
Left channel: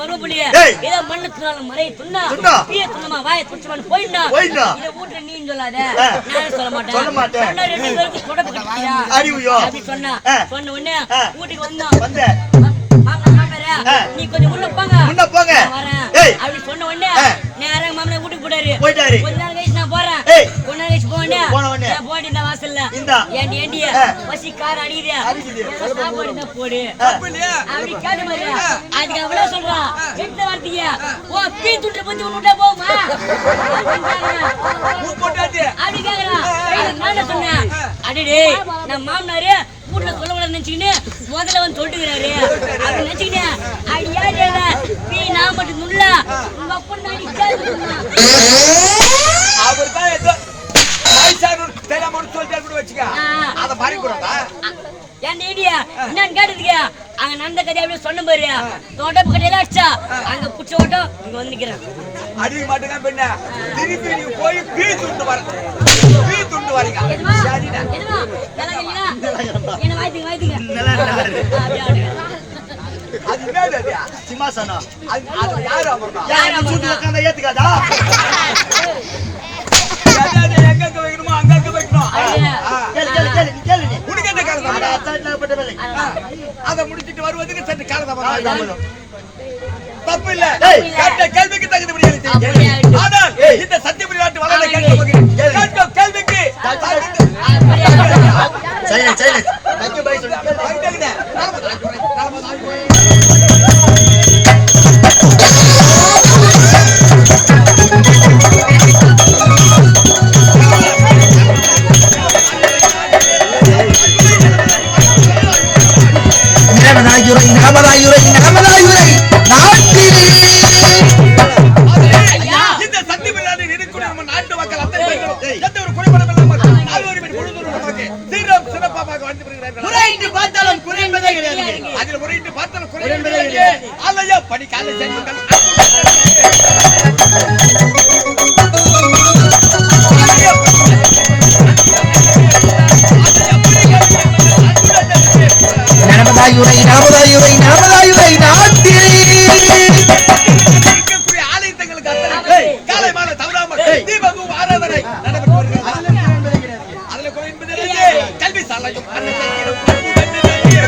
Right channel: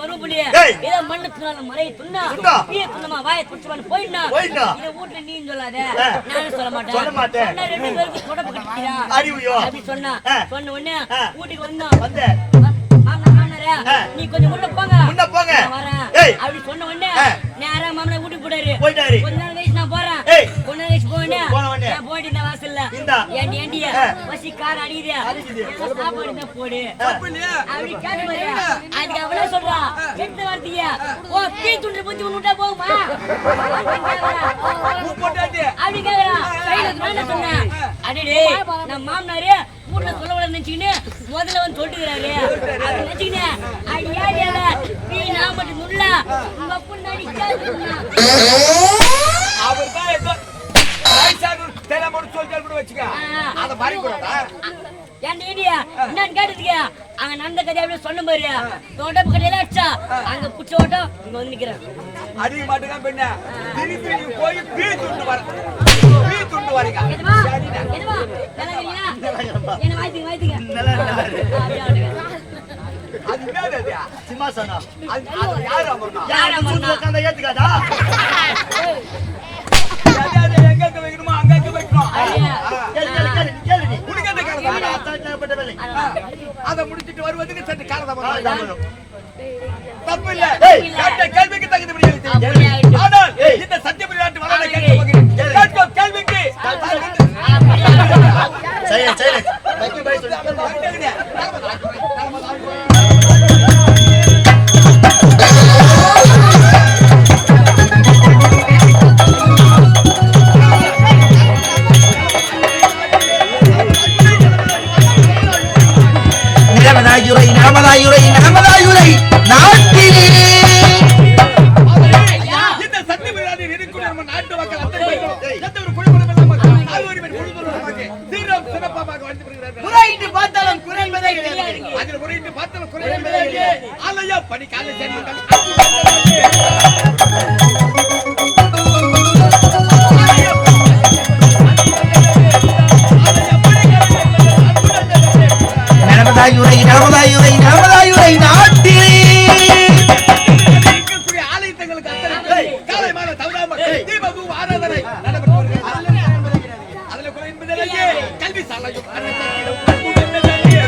மருமபுலியே ஏதோ மண்ணு துணால மறைய துண்ணா பீய துண்ணமா வாயை துடிச்சுவான்னு போயிடா. இத வீட்டுல நீ சொல்லாத நானே சொல்ல மாட்டேன். சொன்ன 2 பேருக்கு தொடப்பு கட்டியா அப்படி சொன்ன உடனே வீட்டுக்கு வந்தோம். மாமனாரா நீ கொஞ்சம் உள்ள போங்க வரேன் அப்படி சொன்ன உடனே நேரா மாமனார் வீட்டுக்கு போயிட்டாரு. கொஞ்ச நேரம் கழிச்சு நான் போறேன். கொஞ்ச நேரம் கழிச்சு போனேன் போயிட்டு இந்த வாசல்ல ஏண்டிய பசி கார அடிக்குது சாப்பாடு தான் போடு அப்படி கேட்ட மாதிரி அதுக்கு அவளே சொல்றா எந்த வார்த்தைய ஓ பீ துண்டு பத்தி விட்டா போகுமா அப்படி கேக்குறா. நான் சொன்னேன் அடடே நம்ம மாமனாரு வீட்டுல சொல்ல நினைச்சுக்கின்னு முதல்ல வந்து சொல்லிட்டுக்கிறாரு அப்படி நினைச்சுக்கிட்டேன். அடி யாரு பீ நான் மட்டும் நுள்ள உங்க அப்பா நாடி கேட்டுனா அவர்தான் ஏதோ நாய்சாரு தெரியாம ஒரு சொல்லிட்டு கூட வச்சுக்க அத மாதிரி கூடாதா ஏன் ஐடியா என்னன்னு கேட்டதுக்கு அங்க நடந்த கதை அப்படியே சொன்ன பாரு தோட்டப்பு கடையில அடிச்சா அங்க புடிச்ச ஓட்டம் இங்க வந்து நிக்கிறேன். அடிக்க மாட்டேங்க பெண்ண திருப்பி நீ போய் பீ துண்டு வரீங்க எதுவா நல்லா இருக்கீங்களா என்ன வாய்த்துங்க அப்படியே ஆடுங்க. அது என்னது சிம்மாசனம் அது யாரு அமர்னா யாரு சூட்டு உட்கார்ந்தா ஏத்துக்காதா. எங்க வைக்கணுமோ அங்க வைக்கணும். கேளு நீ உனக்கு என்ன காலதாமதம் அசால்ட்டப்பட்ட வேலை. அத முடிச்சிட்டு வருவதுக்கு சற்று காலதாமதம் தப்பு இல்ல. கேட்ட கேள்விக்கு தகுந்தபடி ஆனால் இந்த சத்தியபுரி நாட்டு வளர்ந்த கேட்க கேள்விக்கு சைலன்ஸ் தக்கி பை சொல்லு. தலையும் அண்ணன் தங்கிடும் அன்புடன் தங்கிய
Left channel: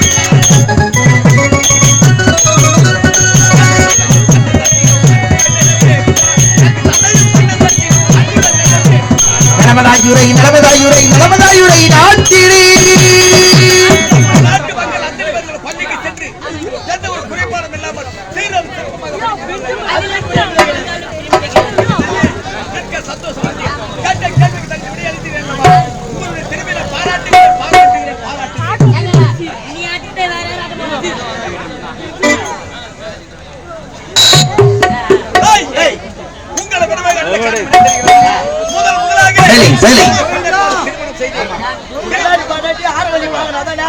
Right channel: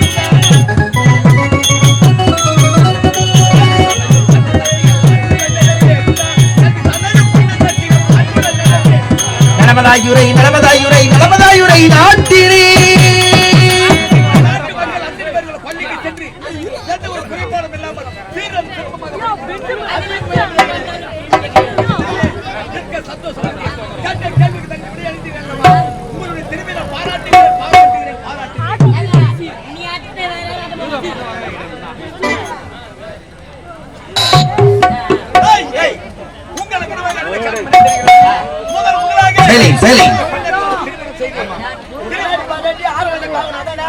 நலமதாயுரை நலமதாயுரை நலமதாயுரை நாட்டினே நாட்டு மக்கள் அத்தனை பேர்கள் பள்ளிக்கு சென்று எந்த ஒரு குறைபாடும் இல்லாமல் சீரம் சந்தோஷம் கேட்ட கேள்விக்கு தனி விடையளித்தீர்கள் அல்லவா? உங்களுடைய திரும்பின பாராட்டுகிறேன் பாராட்டுகிறேன் பாராட்டுகிறேன். நீ ஆட்டிட்டு வேற உங்களை விடவே முதலாக திருமணம் செய்தேன். பாராட்டி ஆறு வழி வாங்கினாதானே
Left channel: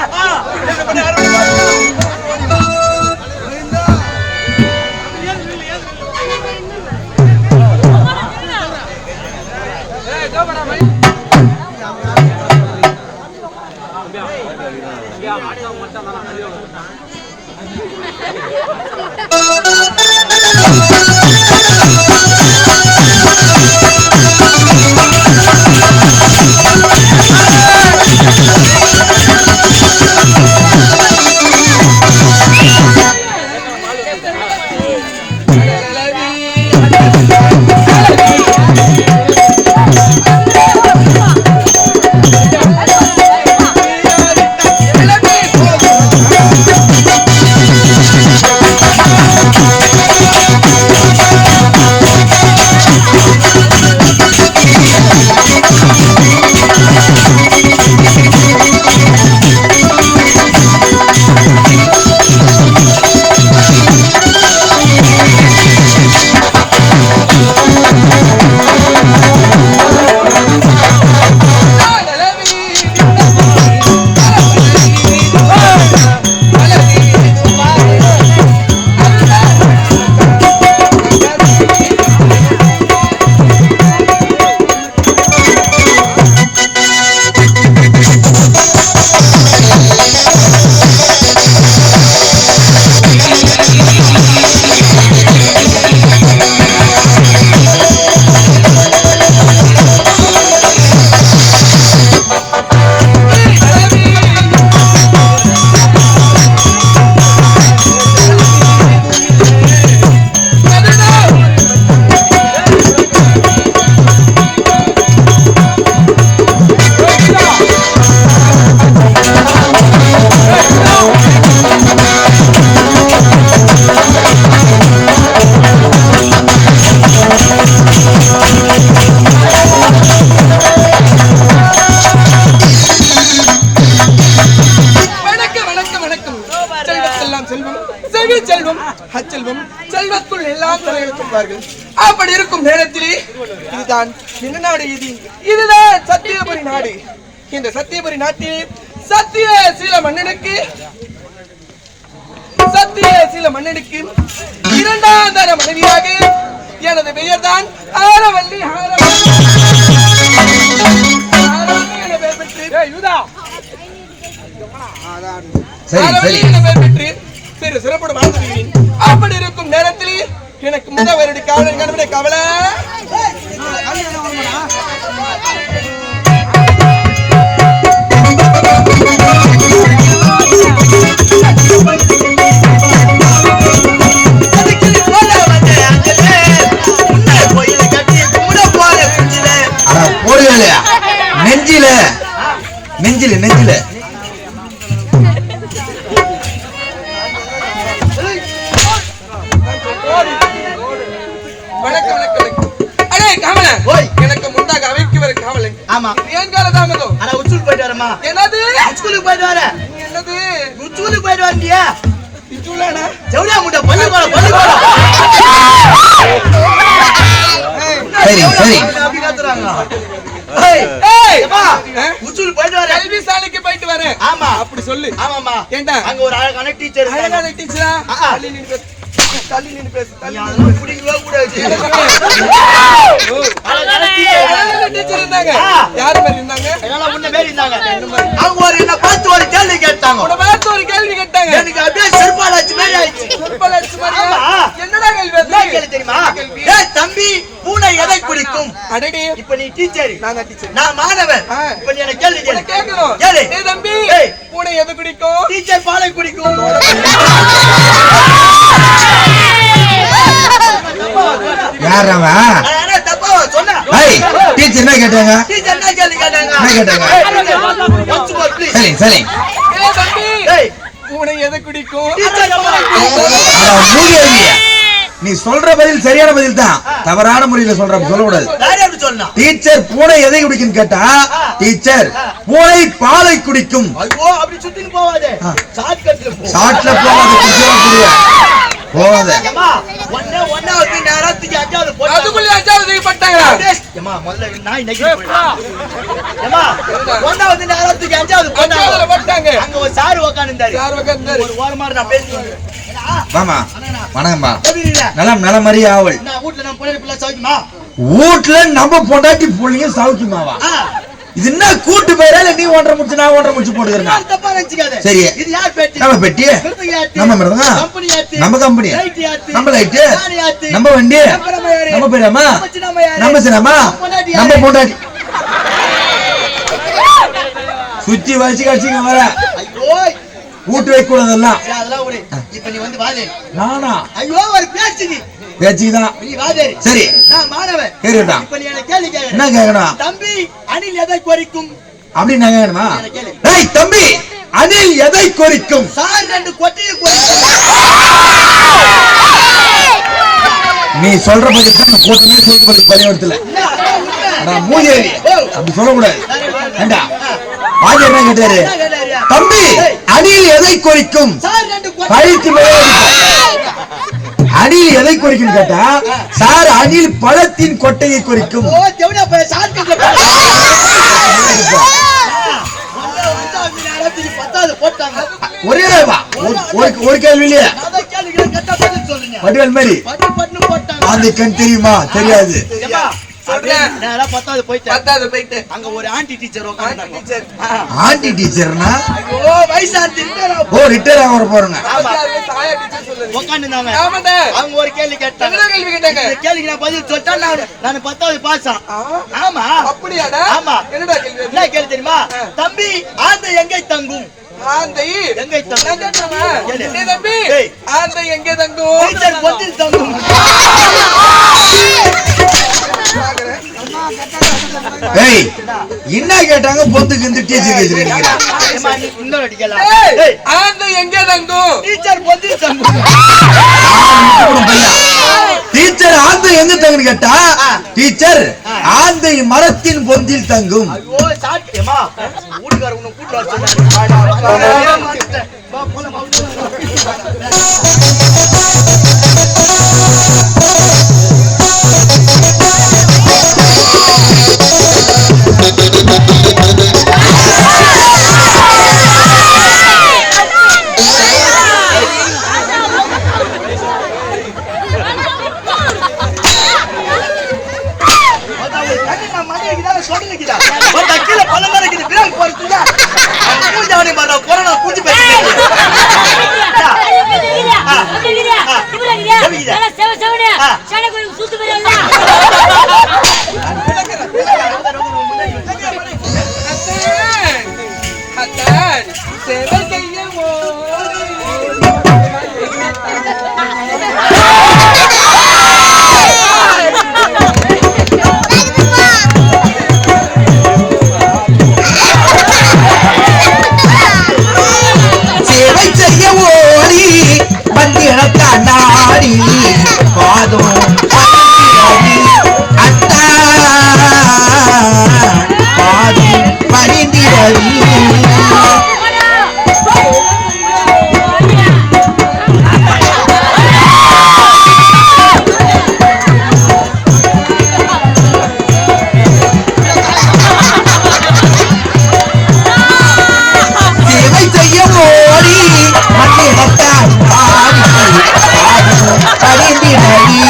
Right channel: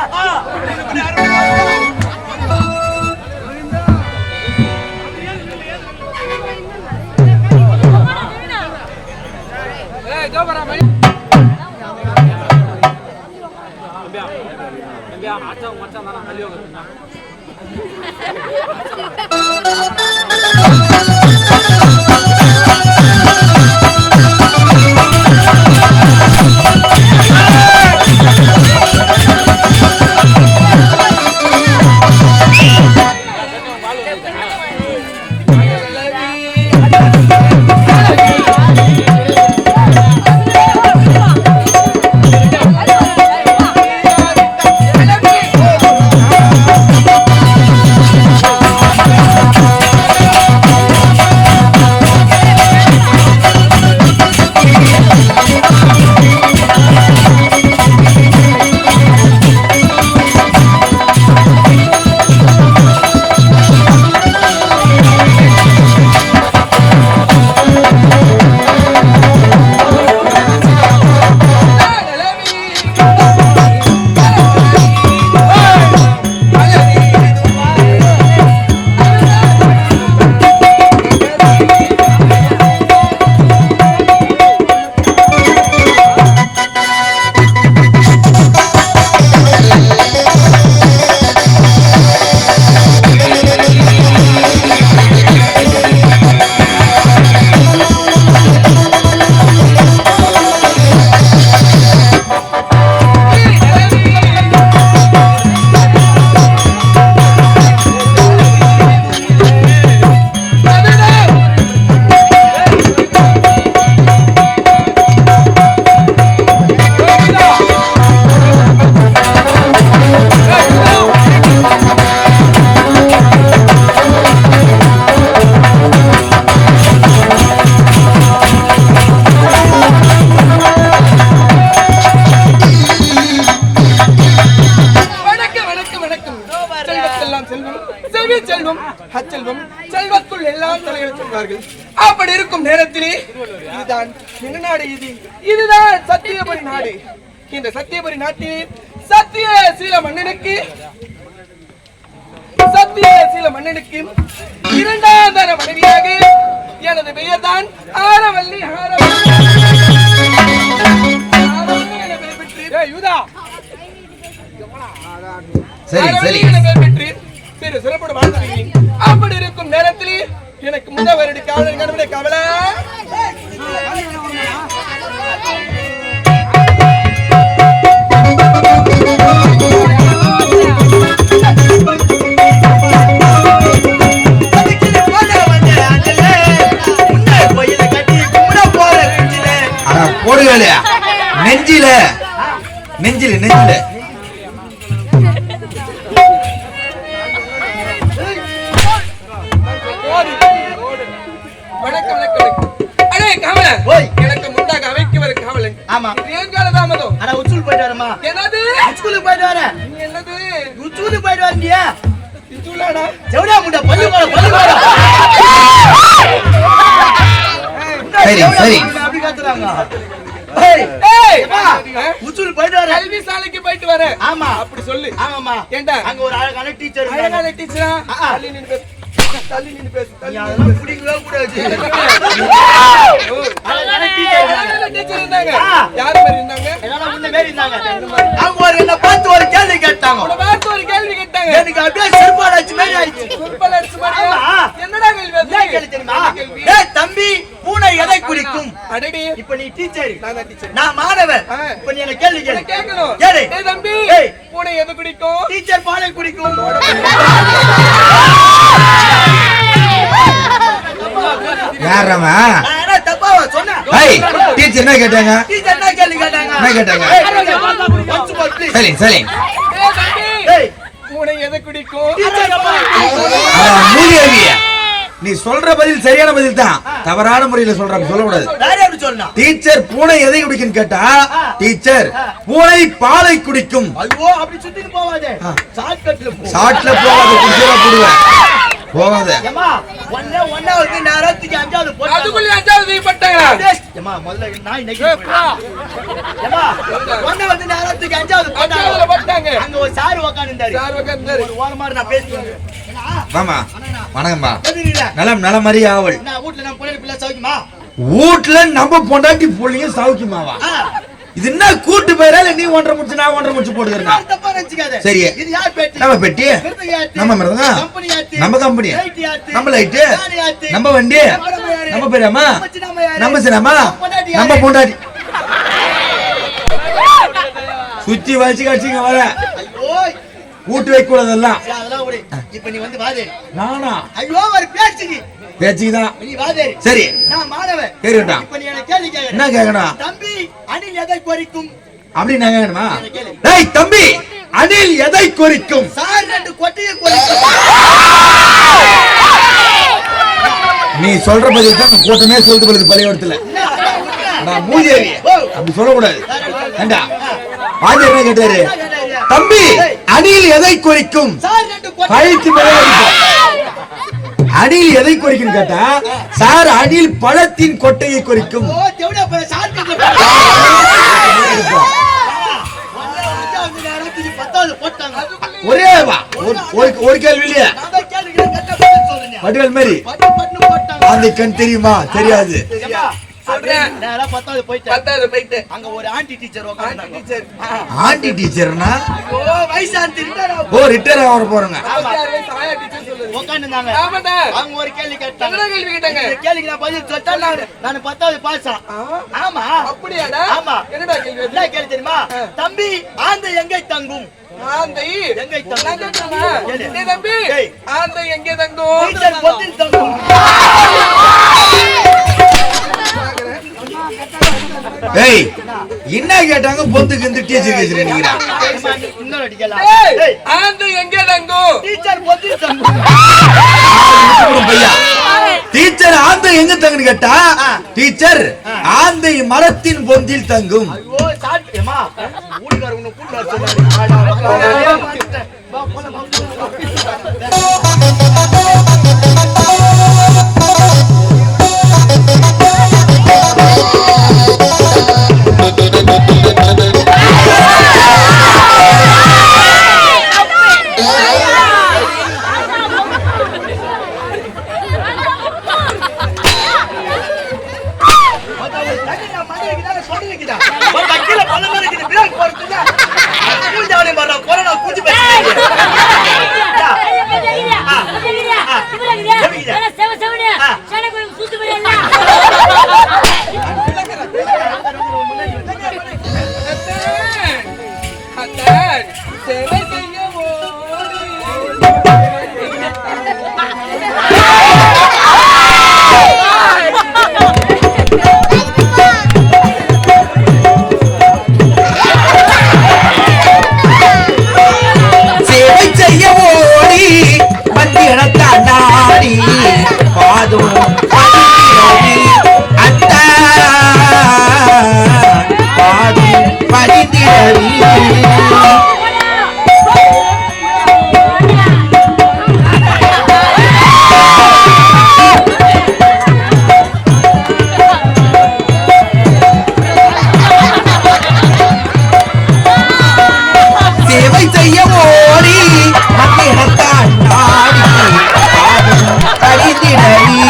செல்வத்துள் எல்லாம் தலையெழுத்துவார்கள். அப்படி இருக்கும் நேரத்திலே இதுதான் என்ன நாடு? இதுதான் சத்தியபுரி நாடு. இந்த சத்தியபுரி நாட்டிலே சத்தியசீல மன்னனுக்கு இரண்டாம் தர மனைவியாக எனது பெயர் தான் ஆரவல்லி. சிறப்போடு வாழ்ந்து வருகிறேன். அப்படி இருக்கும் நேரத்தில் எனக்கு முதல் வருட காவலன் கணவனை கவலை நெஞ்சில நெஞ்சில நெஞ்சில எனக்கு முந்தாக அவைக்கு வர காவலன். ஆமா ஏன் காலதாமதோ? அட உச்சூல் போயிட்டு வரமா. என்னது உச்சூலுக்கு போயிட்டு வர? என்னது உச்சூலுக்கு போயிட்டு வந்தியா? இச்சுலானா ஜவுடா முண்டா பள்ளி போற சரி சரி அப்படி காத்துறாங்க. உச்சூலுக்கு போயிட்டு வர? கல்வி சாலைக்கு போயிட்டு வரேன். ஆமா அப்படி சொல்லு. ஆமாமா ஏண்டா அங்க ஒரு அழகான டீச்சர் அழகான டீச்சரா? தள்ளி நின்னு பேசு. தள்ளி நின்னு பேசு. அதெல்லாம் பிடிக்கவே கூடாது. அழகான டீச்சர் இருந்தாங்க. யார் மாதிரி இருந்தாங்க? என்னால முன்ன மேல இருந்தாங்க. அவங்க ஒரு என்ன பார்த்து ஒரு கேள்வி கேட்டாங்க. உன பார்த்து ஒரு கேள்வி கேட்டாங்க. எனக்கு அப்படியே செருப்பால அடிச்சு மேல ஆயிடுச்சு. செருப்பால அடிச்சு மாதிரி. என்னடா கேள்வி? என்ன கேள்வி தெரியுமா? ஏய் தம்பி பூனை எதை குறிக்கும்? அடடி இப்ப நீ டீச்சர், நான் தான் டீச்சர், நான் மாணவன். இப்ப நீ என்ன கேள்வி கேளு. கேட்கணும். கேளு. டேய் தம்பி, ஏய். பூனை எது குடிக்கும்? டீச்சர் பாலை குடிக்கும். யாரவன் நான் என்ன தப்பாவா சொன்னா? ஏய் டீச்சர் என்ன கேட்டாங்க? டீச்சர் என்ன கேள்வி கேட்டாங்க? என்ன கேட்டாங்க? once more please. சரி சரி டேய் தம்பி, ஏய் பூனை எது குடிக்கும்? டீச்சர் பாலை குடிக்கும். மூலியவிய நீ சொல்ற பதில் சரியான பதில் தான், தவறான முறையில சொல்ற சொல்லக்கூடாது. வேற எப்படி சொன்னா? டீச்சர் பூனை எதை குடிக்கும் கேட்டா டீச்சர் பூனை பாலை குடிக்கும். ஐயோ அப்படி சுத்திட்டு போவாதே, ஷார்ட்கட்ல போ. சாட்ல போவாத குடிச்சா போடுவேன் போவாத. ஏமா ஒண்ணாவது நேரத்துக்கு அஞ்சாவது போட்டா அதுக்குள்ள அஞ்சாவது பட்டாங்களா? ஏமா முதல்ல நாய் நக்கி போயிடலாம். ஏமா ஒண்ணாவது நேரத்துக்கு அஞ்சாவது போட்டா அஞ்சாவதுல பட்டாங்க. அங்க ஒரு சார் உட்கார்ந்தாரு. சார் உட்கார்ந்தாரு. ஒரு வாரமா நான் பேசுறேன். மாமா வணக்கம்மா. எப்படி இருக்கீங்க? நலம் நலம் மாதிரி ஆவல். நான் வீட்ல நான் பொண்ணு பிள்ளை சௌக்கியமா? வீட்டுல நம்ம பொண்டாட்டி புள்ளைங்க சௌக்கியமாவா? இது என்ன கூட்டு பேரா இல்ல நீ ஒன்றரை முடிச்சு நான் ஒன்றரை முடிச்சு போட்டுக்கிறேன்? நான் தப்பா நினைச்சுக்காத. சரி. இது யார் பேட்டி? நம்ம பெட்டி மிருதங்க யாத்தி? நம்ம மிருதங்க. கம்பெனி யாத்தி? நம்ம கம்பெனி. லைட் யாத்தி? நம்ம லைட். நானே யாத்தி? நம்ம வண்டி. நம்ம யாரு? நம்ம பேரம்மா. நம்ம சின்னம்மா யாரு? நம்ம சின்னம்மா. நம்ம பொண்டாட்டி. சுத்தி வச்சு கடிச்சிங்க வர. ஐயோ கூட்டு வைக்க கூடாதெல்லாம். சரி, அதெல்லாம் விடு. இப்ப நீ வந்து வாதே. நானா ஐயோ ஒரு பேச்சுக்கு பேச்சுதான். நீ வாதே. சரி நான் மாணவன். கேக்குறா. இப்ப நீ என்ன கேள்வி கேக்குற? என்ன கேக்கணும்? தம்பி அணில் எதை குறிக்கும்? அப்படி நான் கேக்கணுமா? என்ன கேளு. டேய் தம்பி அணில் எதை குறிக்கும்? சார் ரெண்டு கொட்டையை குறிக்கும். நீ சொல்ற பதில் தான் கூட்டமே சொல்லிட்டு போறது பள்ளிக்கூடத்துல. இல்ல, அதான் உண்மை. மூதேவி அப்படி சொல்லக்கூடாது. ஏண்டா பாஜர் என்ன கேட்டாரு? என்ன கேட்டாரு? தம்பி அணில் எதை குறிக்கும்? சார் ரெண்டு கொட்டை. கழித்து மேலே அணில் எதை குறிக்கும் கேட்டா சார் அணில் பழத்தின் கொட்டையை குறிக்கும். ஓ தேவடா பல ஷார்ட்கட்ல போ. அஞ்சாவது நேரத்துக்கு 10வது போட்டாங்க. ஒரே வா ஒரு கேள்வி இல்லையா? நான் தான் கேளுங்க கரெக்டா பதில் சொல்றீங்க. வடிவேல் மாதிரி பட்டு போட்டாங்க. அந்த கண் தெரியுமா? தெரியாது. ஏம்மா, அப்படியே நேரா 10வது போயிட்டேன். பத்தாவது போயிட்டு அங்க ஒரு ஆண்டி டீச்சர் உட்கார்ந்தாங்க. டீச்சர் ஆண்டி டீச்சர்னா ஐயோ வயசான இருந்தாரா? ஓ ரிட்டையர் ஆக போறாங்க. தாயா டீச்சர் சொல்லுங்க. உட்கார்ந்தாங்க. ஆமாடா. அவங்க ஒரு கேள்வி கேட்டாங்க. என்ன கேள்வி கேட்டாங்க? இந்த கேள்விக்கு நான் பதில் சொல்லிட்டா நான் 10வது பாஸ். ஆமா அப்படியாடா? ஆமா. என்னடா கேள்வி? என்ன கேள்வி தெரியுமா? தம்பி ஆந்தை எங்கே தங்கும்? ஆந்தை எங்கே தங்கும்? நான் கேட்கிறேனா? கேளு. டேய் தம்பி, ஏய். ஆந்தை எங்கே தங்கும்? டீச்சர் பொத்தில் தங்கும். ஏய் என்ன கேட்டாங்க? பொந்துக்கு இந்த டீச்சர் கேக்குறீங்க. ஏம்மா, நீ இன்னொரு வாட்டி கேளா? ஏய், ஏய், ஆந்தை எங்கே தங்கும்? டீச்சர் பொத்தில் தங்கும். டீச்சர் ஆந்தை எங்க தங்குன்னு கேட்டா டீச்சர் ஆந்தை மரத்தின் பொந்தில் தங்கும். ஐயோ சாட் ஏமா ஊடுகார உன்னை கூட்டிட்டு வர சொன்னாரு. ஆடா, வா, போலாம், வா, அத்தான், சேவை செய்யவோ. சேவை செய்ய ஓடி வந்து இடத்தான் நாடி பாதும் அத்தா பாதும் பரிந்திரவி. சேவை செய்ய ஓடி வந்து இடத்தான் நாடி பாதும் பரிந்திரவி.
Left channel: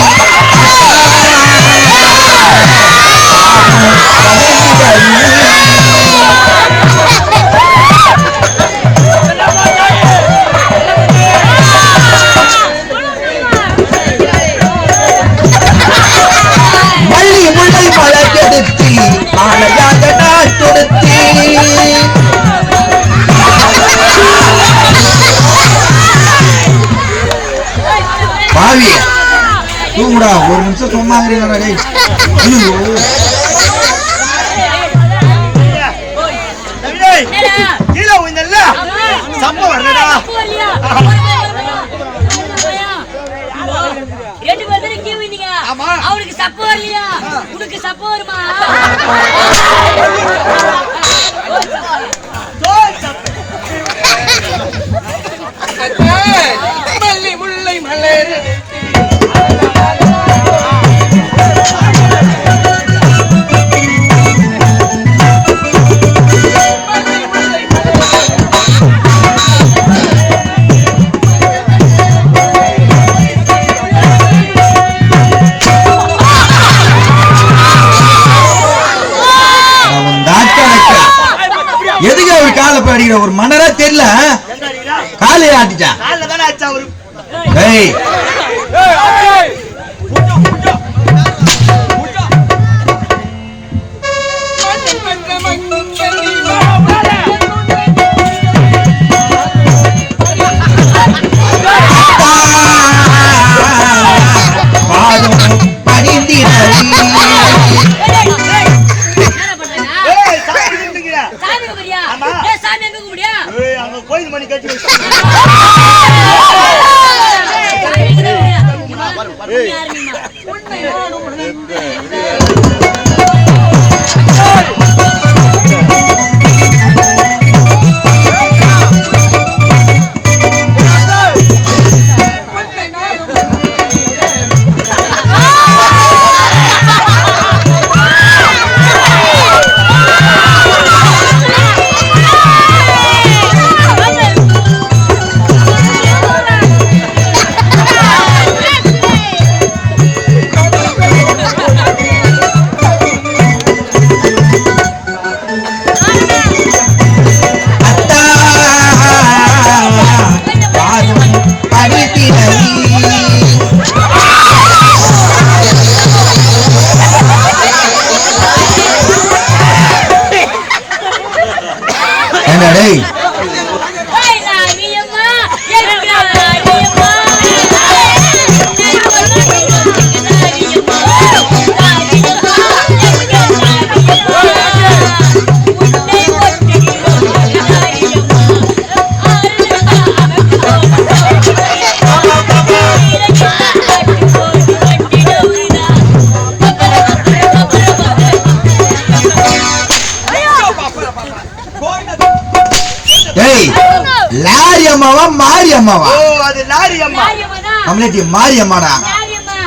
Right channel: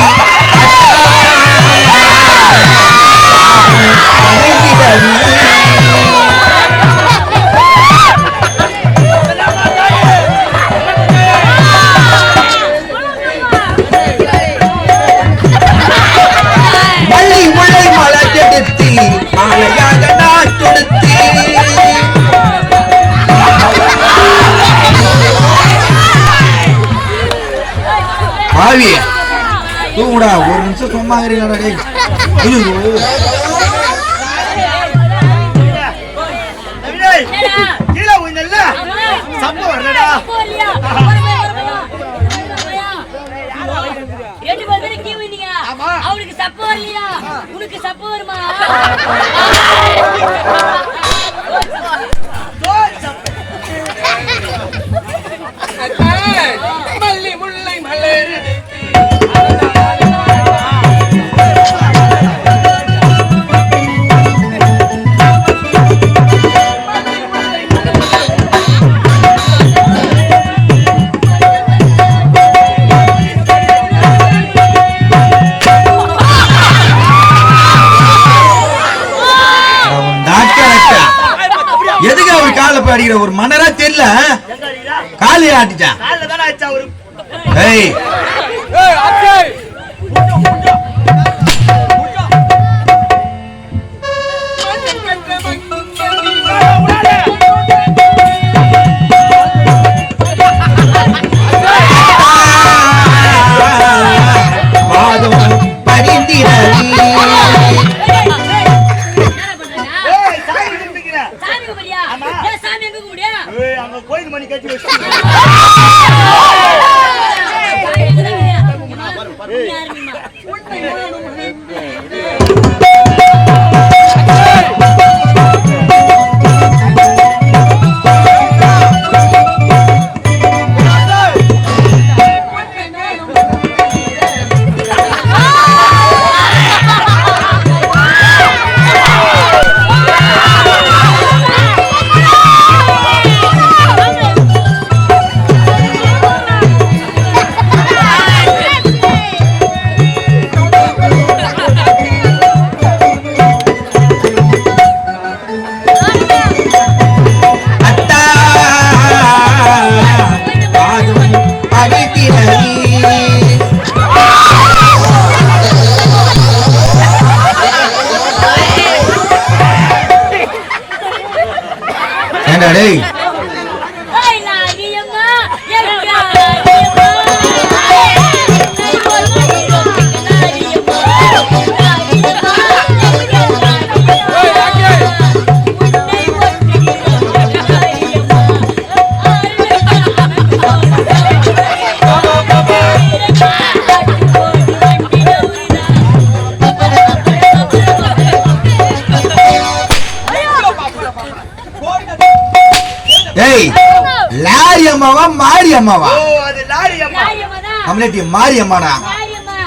நிமிஷம் சும்மா இருக்கிறீங்களா டேய்? ஐயோ கீழே உயிர்ந்தல்ல சப்ப வரலடா. ரெண்டு பேரும் கீ வந்தீங்க. அவனுக்கு சப்ப வரலையா? உனக்கு சப்ப வருமா? மல்லி முல்லை மலர் எதுக்கு அவர் காலை பாடிக்கிற ஒரு மன்னரா தெரியல காலையை ஆட்டிச்சான். காலைல தானே ஆச்சா ஒரு ஏய் அங்க கோயில் மணி கட்டி வச்சு லாரி அம்மாவா மாரி அம்மாவா? ஓ அது லாரி அம்மா. நம்மளே மாரி அம்மாடா. மாரியம்மா.